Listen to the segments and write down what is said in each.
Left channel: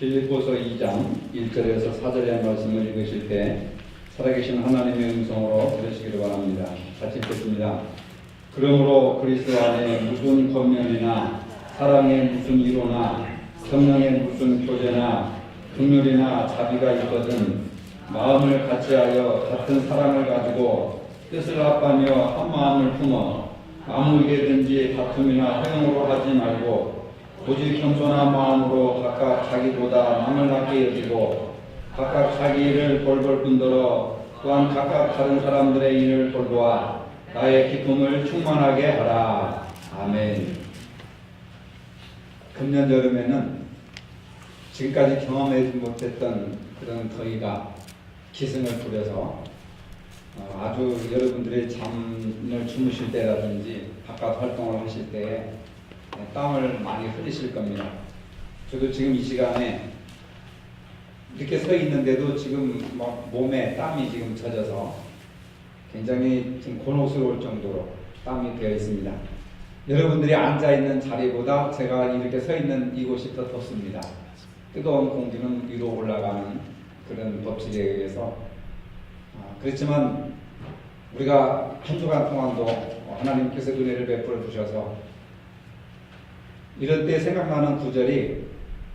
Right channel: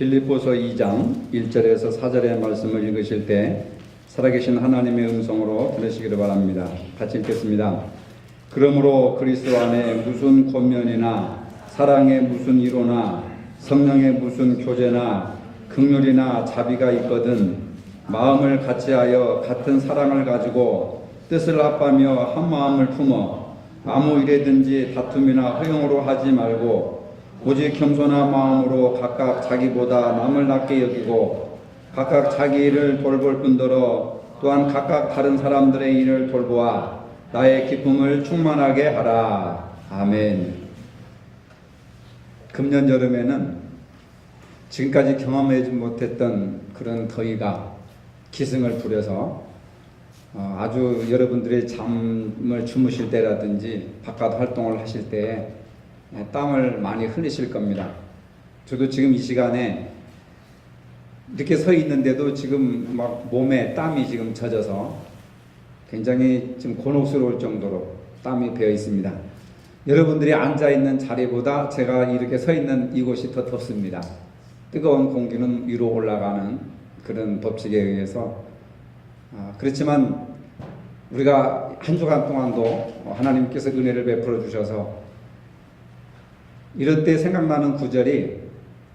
빌립보서 2장 1절에서 4절의 말씀을 읽으실 때 살아계신 하나님의 음성으로 들으시기를 바랍니다. 같이 읽겠습니다. 그러므로 그리스도 안에 무슨 권면이나 사랑의 무슨 위로나 성령의 무슨 교제나 긍휼이나 자비가 있거든 마음을 같이하여 같은 사랑을 가지고 뜻을 합하며 한 마음을 품어 아무 일에든지 다툼이나 허용으로 하지 말고 오직 겸손한 마음으로 각각 자기보다 남을 낮게 여기고 각각 자기 일을 돌볼 뿐더러 또한 각각 다른 사람들의 일을 돌보아 나의 기쁨을 충만하게 하라. 아멘. 금년 여름에는 지금까지 경험하지 못했던 그런 더위가 기승을 부려서 아주 여러분들이 잠을 주무실 때라든지 바깥 활동을 하실 때에 땀을 많이 흘리실 겁니다. 저도 지금 이 시간에 이렇게 서 있는데도 지금 막 몸에 땀이 지금 젖어서 굉장히 좀 곤혹스러울 정도로 땀이 배어 있습니다. 여러분들이 앉아 있는 자리보다 제가 이렇게 서 있는 이곳이 더 덥습니다. 뜨거운 공기는 위로 올라가는 그런 법칙에 의해서 그렇지만 우리가 한 주간 동안도 하나님께서 은혜를 베풀어 주셔서 이럴 때 생각나는 구절이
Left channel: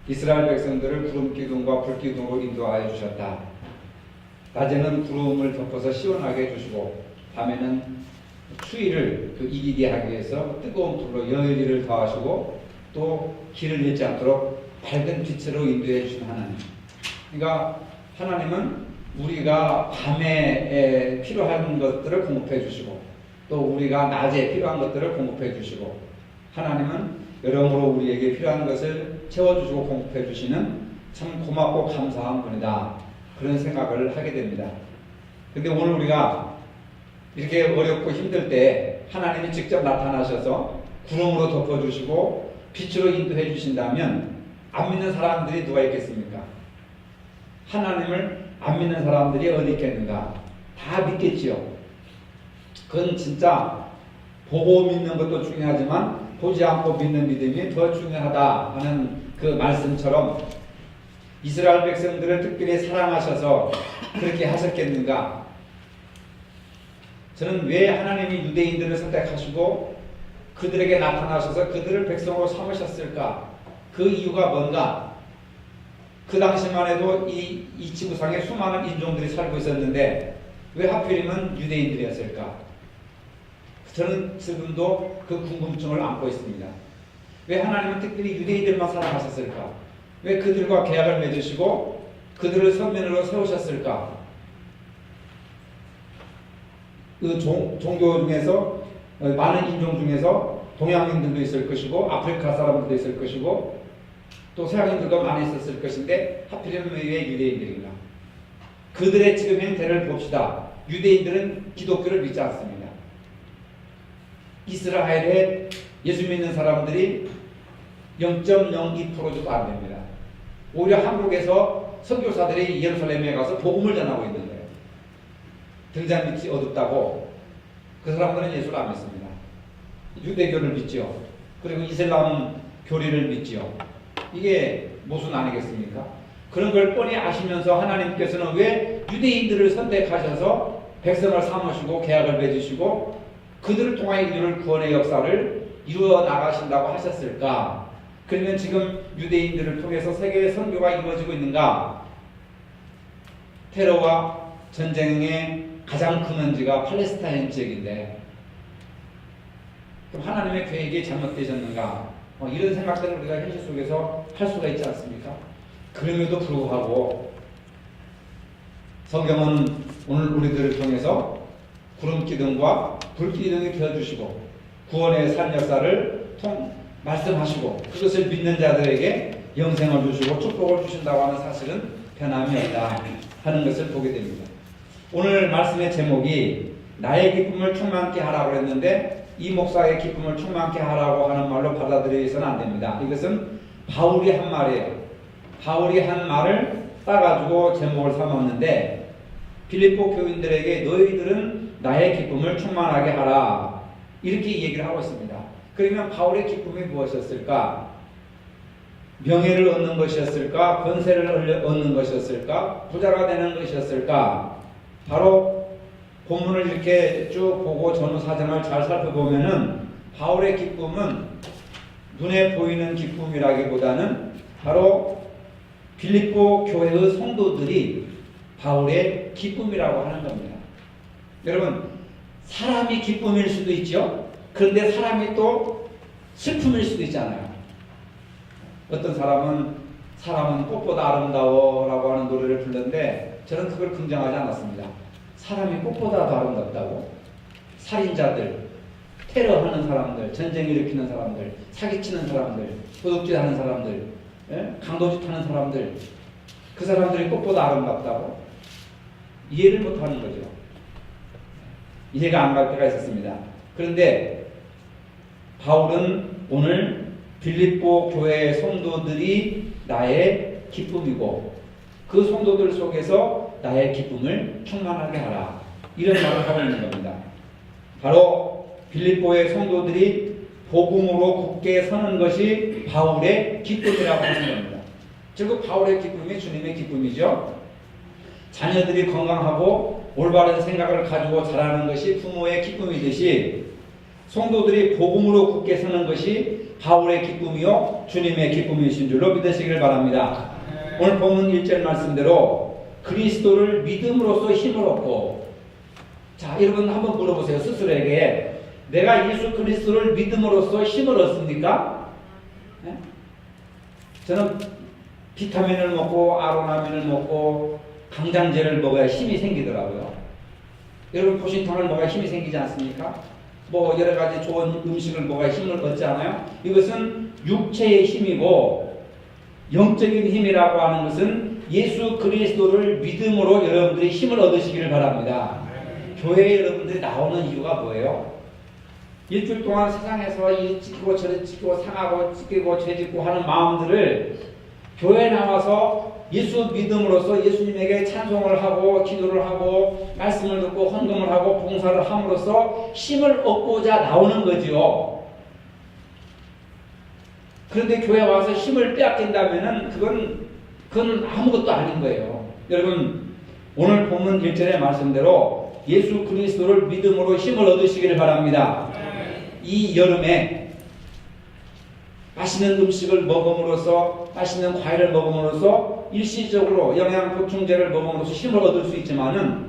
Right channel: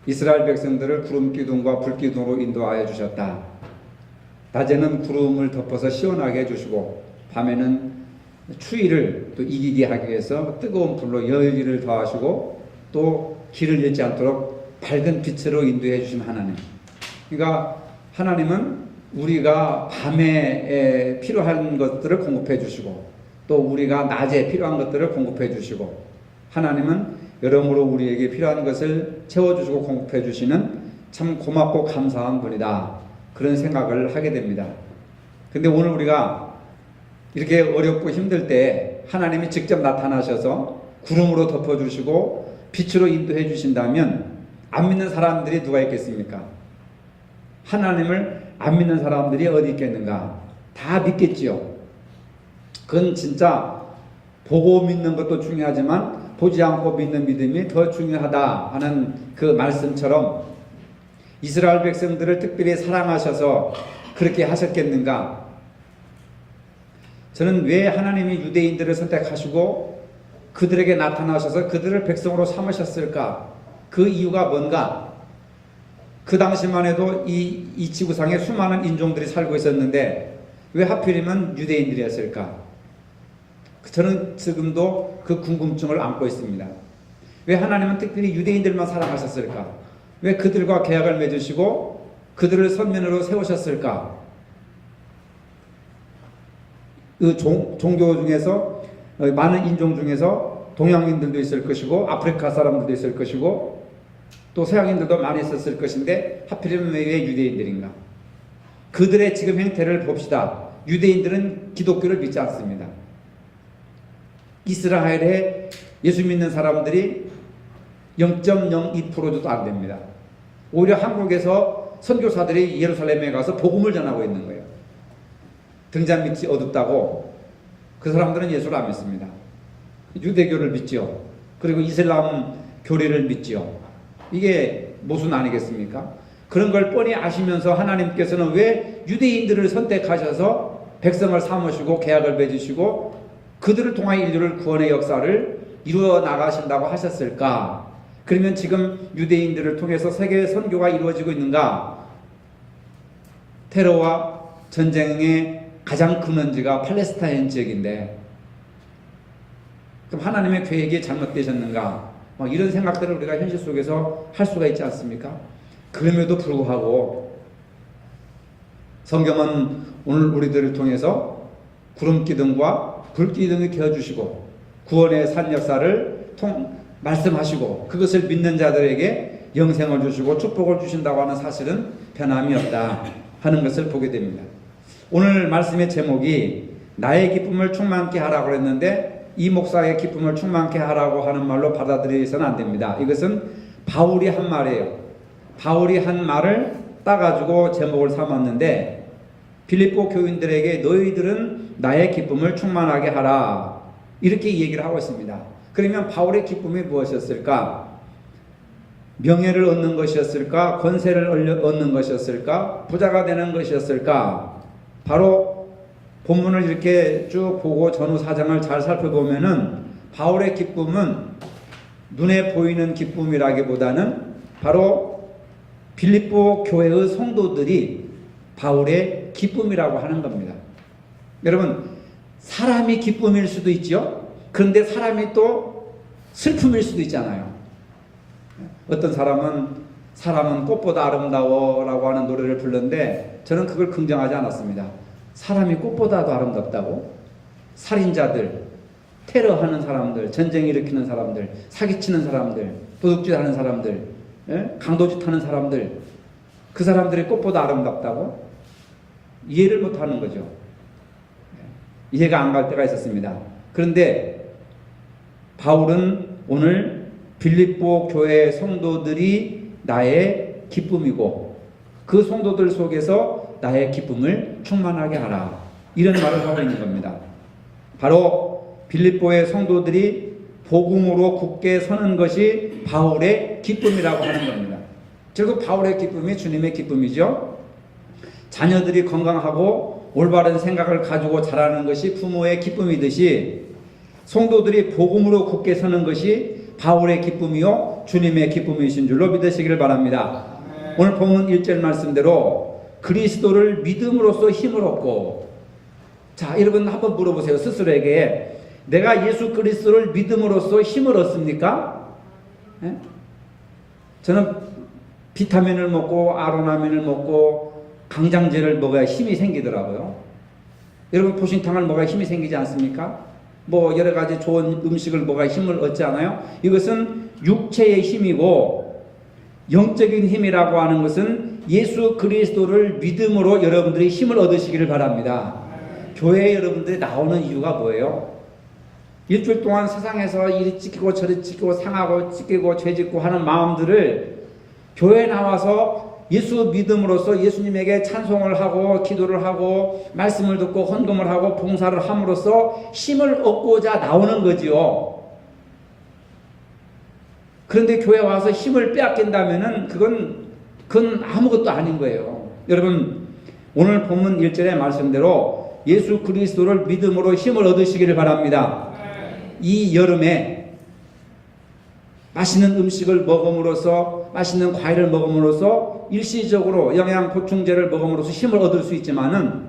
이스라엘 백성들을 구름 기둥과 불 기둥으로 인도하여 주셨다. 낮에는 구름을 덮어서 시원하게 해주시고 밤에는 추위를 또 이기게 하기 위해서 뜨거운 불로 열기를 더하시고 또 길을 잃지 않도록 밝은 빛으로 인도해 주신 하나님. 그러니까 하나님은 우리가 밤에 필요한 것들을 공급해 주시고 또 우리가 낮에 필요한 것들을 공급해 주시고 하나님은 여러모로 우리에게 필요한 것을 채워주시고 공급해 주시는 참 고맙고 감사한 분이다. 그런 생각을 하게 됩니다. 근데 오늘 우리가 이렇게 어렵고 힘들 때 하나님이 직접 나타나셔서 구름으로 덮어주시고 빛으로 인도해 주신다면 안 믿는 사람들이 누가 있겠습니까? 하나님을 안 믿는 사람들이 어디 있겠는가? 다 믿겠지요. 그건 진짜 보고 믿는 것도 중요하지만 보지 않고 믿는 믿음이 더 중요하다 하는 그 말씀처럼 이스라엘 백성들을 특별히 사랑하셔서 그렇게 하셨겠는가? 저는 왜 하나님이 유대인들을 선택하시고 그들에게 나타나셔서 그들을 백성으로 삼으셨을까? 그 이유가 뭔가? 그 당시만 해도 이 지구상에 수많은 인종들이 살고 있었는데 왜 하필이면 유대인들이었을까? 저는 지금도 그 궁금증을 안고 있습니다. 왜 하나님은 특별히 유대인들만 사랑하셨을까? 왜 그들과 계약을 맺으시고 그들을 선면으로 세우셨을까? 그 종교 중에서 많은 인종 중에서 동양인들도 있을 것이고 아프리카 사람들도 있을 것이고 또 서양인들도 많이 있었을 것인데 하필이면 왜 유대인들인가? 그들의 지금 형태를 봅시다. 유대인들은 기독교를 믿지 않습니다. 이스라엘에 예수 믿는 사람들이 0.02%도 안 됩니다. 오히려 한국에서 선교사들이 예루살렘에 가서 복음을 전하고 있는 거예요. 등잔 밑이 어둡다고 그 사람들은 예수를 안 믿습니다. 유대교를 믿죠. 그리고 이슬람 교리를 믿죠. 이게 모순 아니겠습니까? 그런 걸 뻔히 아시면서 하나님께서는 왜 유대인들을 선택하셔서 백성을 삼으시고 계약을 맺으시고 그들을 통하여 인류를 구원의 역사를 이루어 나가신다고 하셨을까? 그러면 지금 유대인들을 통해서 세계의 선교가 이루어지고 있는가? 테러와 전쟁의 가장 근원지가 팔레스타인 지역인데 그럼 하나님의 계획이 잘못되셨는가? 이런 생각들을 우리가 현실 속에서 할 수가 있지 않습니까? 그럼에도 불구하고 성경은 오늘 우리들을 통해서 구름 기둥과 불 기둥이 되어주시고 구원의 산 역사를 말씀하시고 그것을 믿는 자들에게 영생을 주시고 축복을 주신다고 하는 사실은 변함이 없다 하는 것을 보게 됩니다. 오늘 말씀의 제목이 나의 기쁨을 충만케 하라고 했는데 이 목사의 기쁨을 충만케 하라고 하는 말로 받아들여서는 안 됩니다. 이것은 바울이 한 말이에요. 바울이 한 말을 따가지고 제목을 삼았는데 빌립보 교인들에게 너희들은 나의 기쁨을 충만하게 하라 이렇게 얘기를 하고 있습니다. 그러면 바울의 기쁨이 무엇이었을까? 명예를 얻는 것이었을까? 권세를 얻는 것이었을까? 부자가 되는 것이었을까? 바로 본문을 이렇게 쭉 보고 전후 사정을 잘 살펴보면은 바울의 기쁨은 눈에 보이는 기쁨이라기보다는 바로 빌립보 교회의 성도들이 바울의 기쁨이라고 하는 겁니다. 여러분, 사람이 기쁨일 수도 있죠. 그런데 사람이 또 슬픔일 수도 있잖아요. 어떤 사람은 꽃보다 아름다워라고 하는 노래를 부르는데 저는 그걸 긍정하지 않았습니다. 사람이 꽃보다도 아름답다고? 살인자들, 테러하는 사람들, 전쟁 일으키는 사람들, 사기치는 사람들, 도둑질 하는 사람들, 강도짓 하는 사람들, 그 사람들이 꽃보다 아름답다고? 이해를 못하는 거죠. 이해가 안 갈 때가 있었습니다. 그런데 바울은 오늘 빌립보 교회 성도들이 나의 기쁨이고 그 성도들 속에서 나의 기쁨을 충만하게 하라, 이런 말을 하고 있는 겁니다. 바로 빌립보의 성도들이 복음으로 굳게 서는 것이 바울의 기쁨이라고 하는 겁니다. 결국 바울의 기쁨이 주님의 기쁨이죠. 자녀들이 건강하고 올바른 생각을 가지고 자라는 것이 부모의 기쁨이듯이 성도들이 복음으로 굳게 서는 것이 바울의 기쁨이요 주님의 기쁨이신 줄로 믿으시기를 바랍니다. 오늘 본문 1절 말씀대로 그리스도를 믿음으로써 힘을 얻고, 자, 여러분 한번 물어보세요. 스스로에게, 내가 예수 그리스도를 믿음으로써 힘을 얻습니까? 네? 저는 비타민을 먹고 아로나민을 먹고 강장제를 먹어야 힘이 생기더라고요. 여러분 보신탕을 먹어야 힘이 생기지 않습니까? 뭐 여러 가지 좋은 음식을 먹어야 힘을 얻지 않아요? 이것은 육체의 힘이고, 영적인 힘이라고 하는 것은 예수 그리스도를 믿음으로 여러분들이 힘을 얻으시기를 바랍니다. 교회에 여러분들이 나오는 이유가 뭐예요? 일주일 동안 세상에서 이리 찢기고 저리 찢기고 상하고 찢기고 죄짓고 하는 마음들을 교회에 나와서 예수 믿음으로써 예수님에게 찬송을 하고 기도를 하고 말씀을 듣고 헌금을 하고 봉사를 함으로써 힘을 얻고자 나오는 거지요. 그런데 교회에 와서 힘을 빼앗긴다면은 그건 아무것도 아닌 거예요. 여러분, 오늘 본문 1절의 말씀대로 예수 그리스도를 믿음으로 힘을 얻으시기를 바랍니다. 이 여름에 맛있는 음식을 먹음으로써, 맛있는 과일을 먹음으로써 일시적으로 영양 보충제를 먹음으로써 힘을 얻을 수 있지만은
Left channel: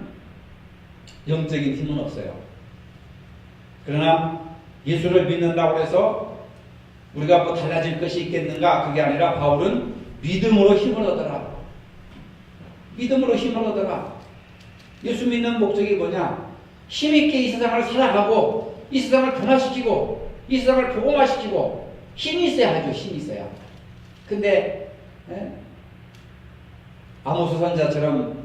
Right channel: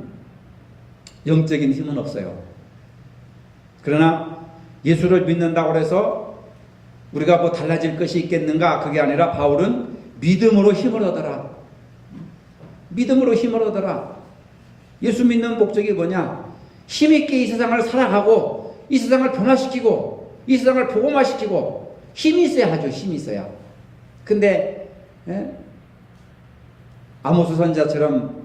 영적인 힘은 없어요. 그러나 예수를 믿는다고 해서 우리가 뭐 달라질 것이 있겠는가? 그게 아니라 바울은 믿음으로 힘을 얻어라. 믿음으로 힘을 얻어라. 예수 믿는 목적이 뭐냐? 힘있게 이 세상을 살아가고 이 세상을 변화시키고 이 세상을 복음화시키고 힘이 있어야 하죠. 힘이 있어야. 근데 아모스 선지자처럼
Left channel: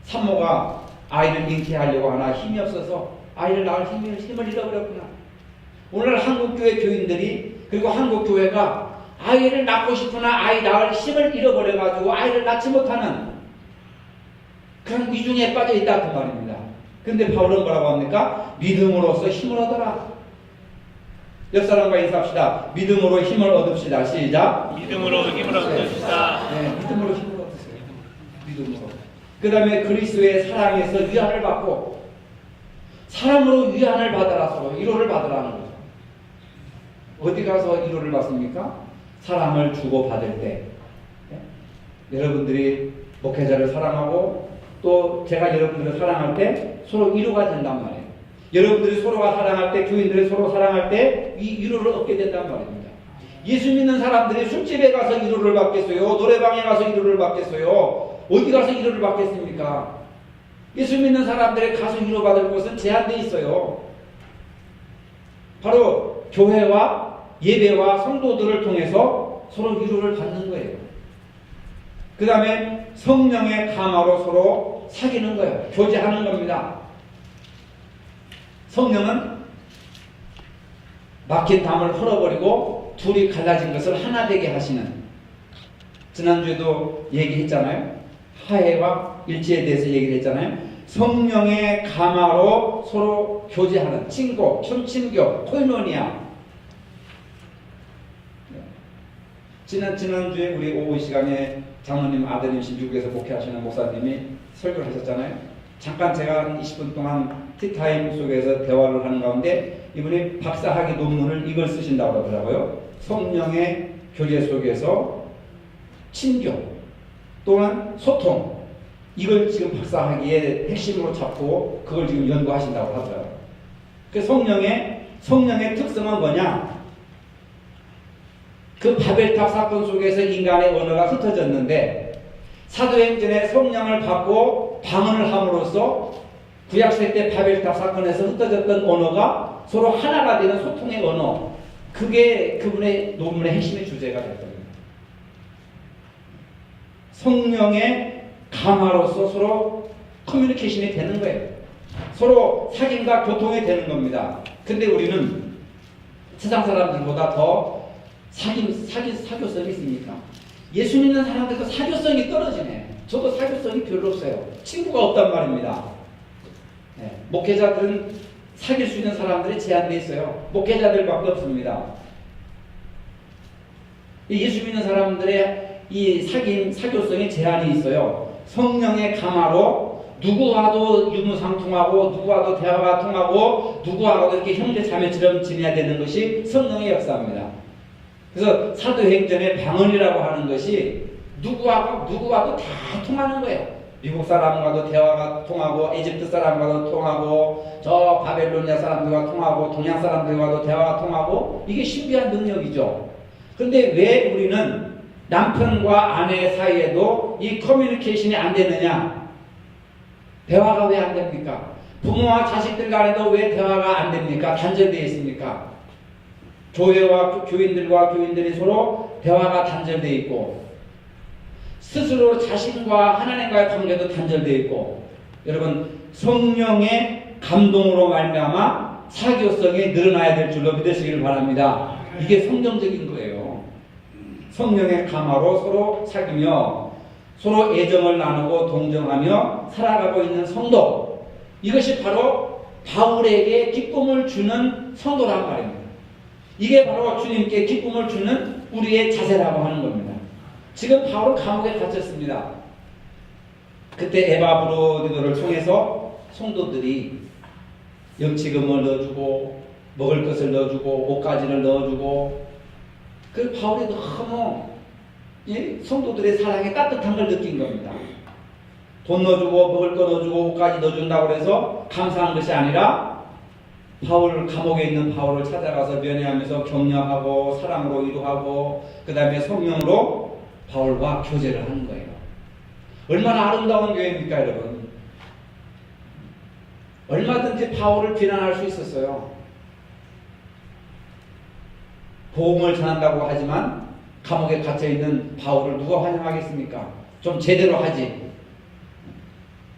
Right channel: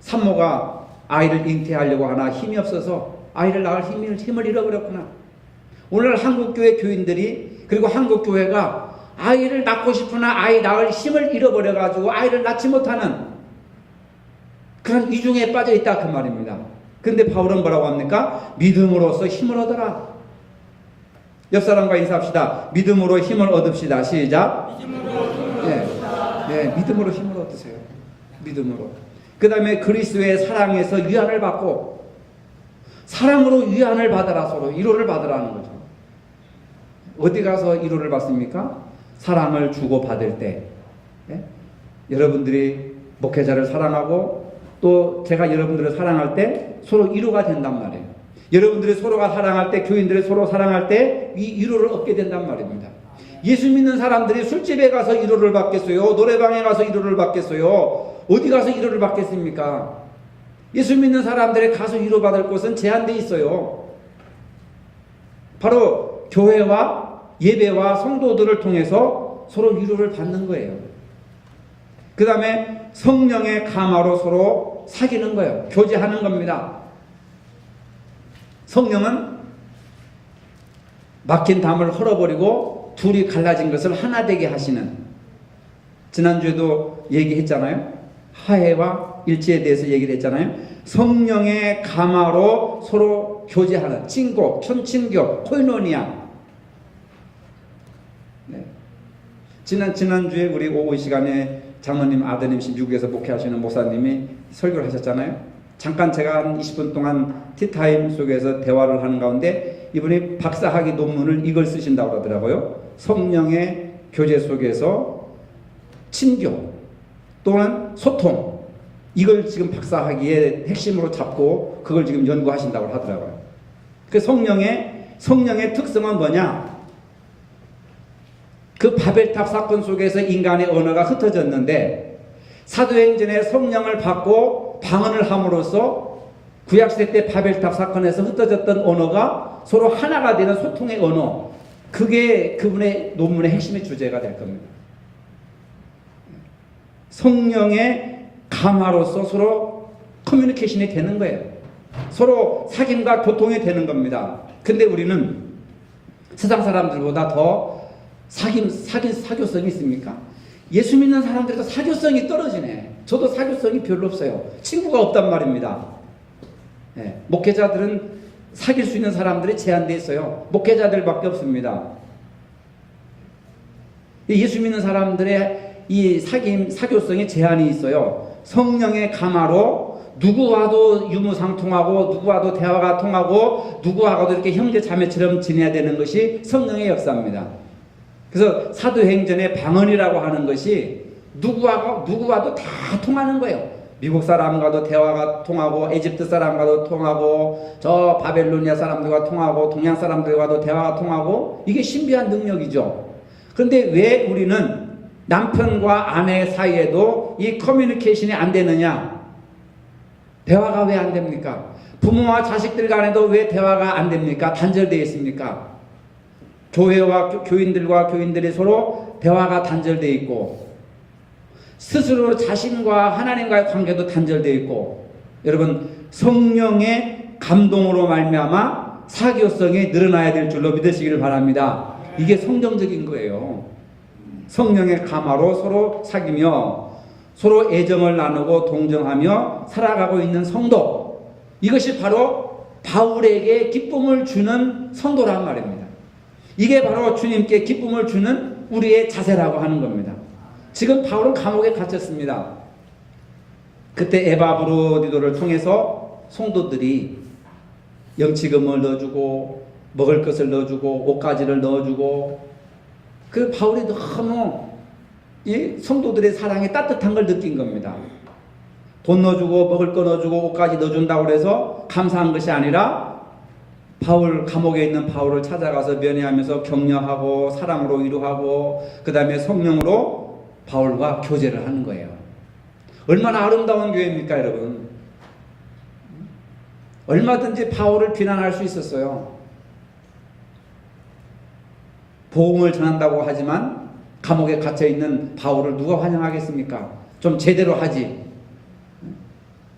산모가 아이를 잉태하려고 하나 힘이 없어서 아이를 낳을 힘을 잃어버렸구나. 오늘 한국교회 교인들이, 그리고 한국교회가 아이를 낳고 싶으나 아이 낳을 힘을 잃어버려가지고 아이를 낳지 못하는 그런 위중에 빠져 있다, 그 말입니다. 그런데 바울은 뭐라고 합니까? 믿음으로써 힘을 얻어라. 옆 사람과 인사합시다. 믿음으로 힘을 얻읍시다. 시작. 믿음으로 힘을 얻읍시다. 네, 믿음으로 힘을 얻으세요. 믿음으로. 그 다음에 그리스도의 사랑에서 위안을 받고, 사랑으로 위안을 받아라. 서로 위로를 받으라는 거죠. 어디 가서 위로를 받습니까? 사랑을 주고 받을 때. 네? 여러분들이 목회자를 사랑하고 또 제가 여러분들을 사랑할 때 서로 위로가 된단 말이에요. 여러분들이 서로가 사랑할 때, 교인들이 서로 사랑할 때 이 위로를 얻게 된단 말입니다. 예수 믿는 사람들이 술집에 가서 위로를 받겠어요? 노래방에 가서 위로를 받겠어요? 어디 가서 위로를 받겠습니까? 예수 믿는 사람들이 가서 위로받을 곳은 제한되어 있어요. 바로 교회와 예배와 성도들을 통해서 서로 위로를 받는 거예요. 그 다음에 성령의 감화로 서로 사귀는 거예요. 교제하는 겁니다. 성령은 막힌 담을 헐어버리고 둘이 갈라진 것을 하나 되게 하시는, 지난주에도 얘기했잖아요. 화해와 일치에 대해서 얘기를 했잖아요. 성령의 감화로 서로 교제하는 친고, 편친교, 코이노니아. 네. 지난주에 우리 오후 시간에 장로님 아드님 미국에서 목회하시는 목사님이 설교를 하셨잖아요. 잠깐 제가 한 20분 동안 티타임 속에서 대화를 하는 가운데 이분이 박사학위 논문을 이걸 쓰신다고 그러더라고요. 성령의 교제 속에서 친교 또한 소통, 이걸 지금 박사학위의 핵심으로 잡고 그걸 지금 연구하신다고 하더라고요. 그 성령의 특성은 뭐냐? 그 바벨탑 사건 속에서 인간의 언어가 흩어졌는데 사도행전에 성령을 받고 방언을 함으로써 구약시대 때 바벨탑 사건에서 흩어졌던 언어가 서로 하나가 되는 소통의 언어, 그게 그분의 논문의 핵심의 주제가 될 겁니다. 성령의 감화로서 서로 커뮤니케이션이 되는 거예요. 서로 사귐과 교통이 되는 겁니다. 근데 우리는 세상 사람들보다 더 사교성이 있습니까? 예수 믿는 사람들도 사교성이 떨어지네. 저도 사교성이 별로 없어요. 친구가 없단 말입니다. 네. 목회자들은 사귈 수 있는 사람들이 제한되어 있어요. 목회자들밖에 없습니다. 예수 믿는 사람들의 이 사교성에 제한이 있어요. 성령의 감화로 누구와도 유무상통하고 누구와도 대화가 통하고 누구와도 이렇게 형제 자매처럼 지내야 되는 것이 성령의 역사입니다. 그래서 사도행전의 방언이라고 하는 것이 누구와도 다 통하는 거예요. 미국 사람과도 대화가 통하고 에집트 사람과도 통하고 저 바벨로니아 사람들과 통하고 동양 사람들과도 대화가 통하고, 이게 신비한 능력이죠. 그런데 왜 우리는 남편과 아내 사이에도 이 커뮤니케이션이 안 되느냐? 대화가 왜 안 됩니까? 부모와 자식들 간에도 왜 대화가 안 됩니까? 단절되어 있습니까? 교회와 교인들과 교인들이 서로 대화가 단절되어 있고, 스스로 자신과 하나님과의 관계도 단절되어 있고, 여러분 성령의 감동으로 말미암아 사교성이 늘어나야 될 줄로 믿으시기를 바랍니다. 이게 성경적인 거예요. 성령의 감화로 서로 사귀며 서로 애정을 나누고 동정하며 살아가고 있는 성도, 이것이 바로 바울에게 기쁨을 주는 성도란 말입니다. 이게 바로 주님께 기쁨을 주는 우리의 자세라고 하는 겁니다. 지금 바울은 감옥에 갇혔습니다. 그때 에바브로디도를 통해서 성도들이 영치금을 넣어주고 먹을 것을 넣어주고 옷가지를 넣어주고, 그 바울이 너무 이 성도들의 사랑에 따뜻한 걸 느낀 겁니다. 돈 넣어주고 먹을 거 넣어주고 옷까지 넣어준다고 해서 감사한 것이 아니라 바울, 감옥에 있는 바울을 찾아가서 면회하면서 격려하고 사랑으로 위로하고 그 다음에 성령으로 바울과 교제를 하는 거예요. 얼마나 아름다운 교회입니까, 여러분? 얼마든지 바울을 비난할 수 있었어요. 복음을 전한다고 하지만 감옥에 갇혀있는 바울을 누가 환영하겠습니까? 좀 제대로 하지.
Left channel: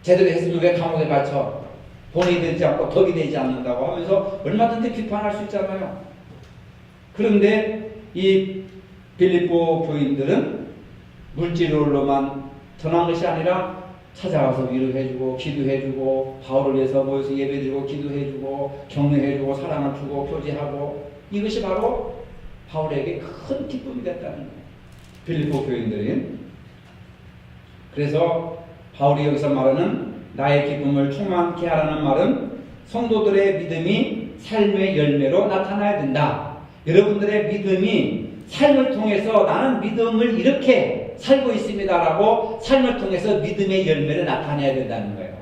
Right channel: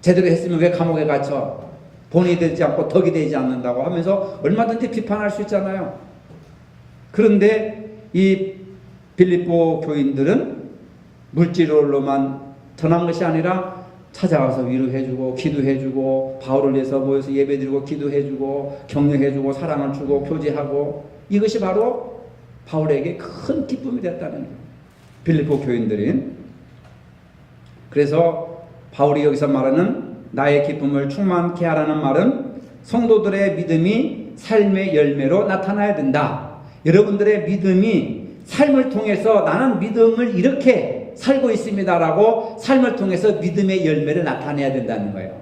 제대로 했으면 왜 감옥에 갇혀? 본이 되지 않고 덕이 되지 않는다고 하면서 얼마든지 비판할 수 있잖아요. 그런데 이 빌립보 교인들은 물질로만 전한 것이 아니라 찾아가서 위로해주고 기도해주고 바울을 위해서 모여서 예배드리고 기도해주고 격려해주고 사랑을 주고 교제하고, 이것이 바로 바울에게 큰 기쁨이 됐다는 거예요. 빌립보 교인들이. 그래서 바울이 여기서 말하는 나의 기쁨을 충만케 하라는 말은 성도들의 믿음이 삶의 열매로 나타나야 된다. 여러분들의 믿음이 삶을 통해서 나는 믿음을 이렇게 살고 있습니다라고 삶을 통해서 믿음의 열매를 나타내야 된다는 거예요.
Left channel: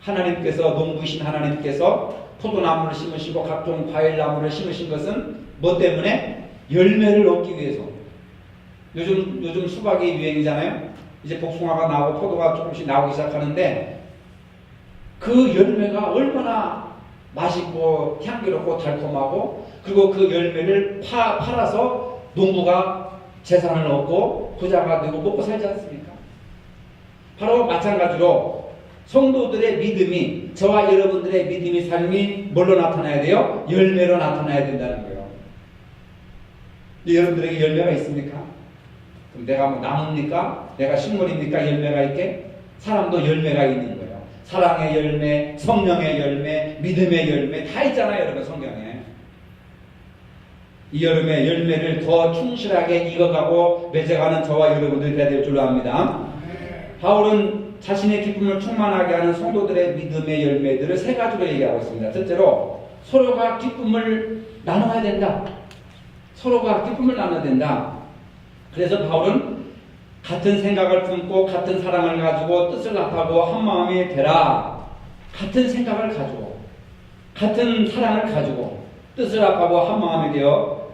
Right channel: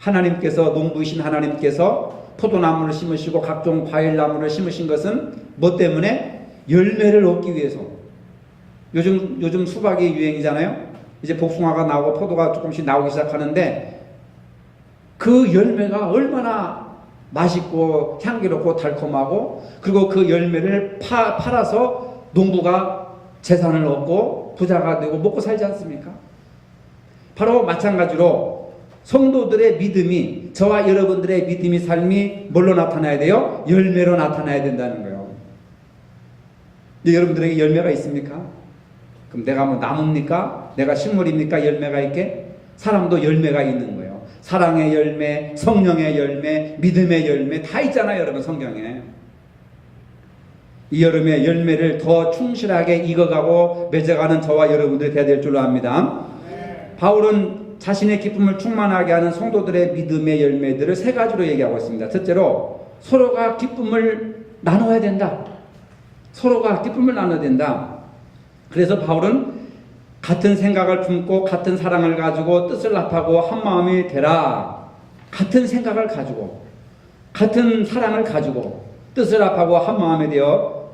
하나님께서, 농부이신 하나님께서 포도나무를 심으시고 각종 과일나무를 심으신 것은 뭐 때문에? 열매를 얻기 위해서. 요즘 수박이 유행이잖아요. 이제 복숭아가 나오고 포도가 조금씩 나오기 시작하는데 그 열매가 얼마나 맛있고 향기롭고 달콤하고, 그리고 그 열매를 팔아서 농부가 재산을 얻고 부자가 되고 먹고 살지 않습니까? 바로 마찬가지로 성도들의 믿음이, 저와 여러분들의 믿음이 삶이 뭘로 나타나야 돼요? 열매로 나타나야 된다는 거예요. 여러분들에게 열매가 있습니까? 그럼 내가 뭐 나무입니까? 내가 식물입니까? 열매가 있게? 사람도 열매가 있는 거예요. 사랑의 열매, 성령의 열매, 믿음의 열매 다 있잖아요, 여러분 성경에. 이 여름에 열매를 더 충실하게 익어가고 맺어가는 저와 여러분들이 되어야 될 줄로 압니다. 바울은 자신의 기쁨을 충만하게 하는 성도들의 믿음의 열매들을 세 가지로 얘기하고 있습니다. 첫째로 서로가 기쁨을 나눠야 된다. 서로가 기쁨을 나눠야 된다. 그래서 바울은 같은 생각을 품고 같은 사랑을 가지고 뜻을 합하고 한 마음이 되라. 같은 생각을 가지고 같은 사랑을 가지고 뜻을 합하고 한 마음이 되어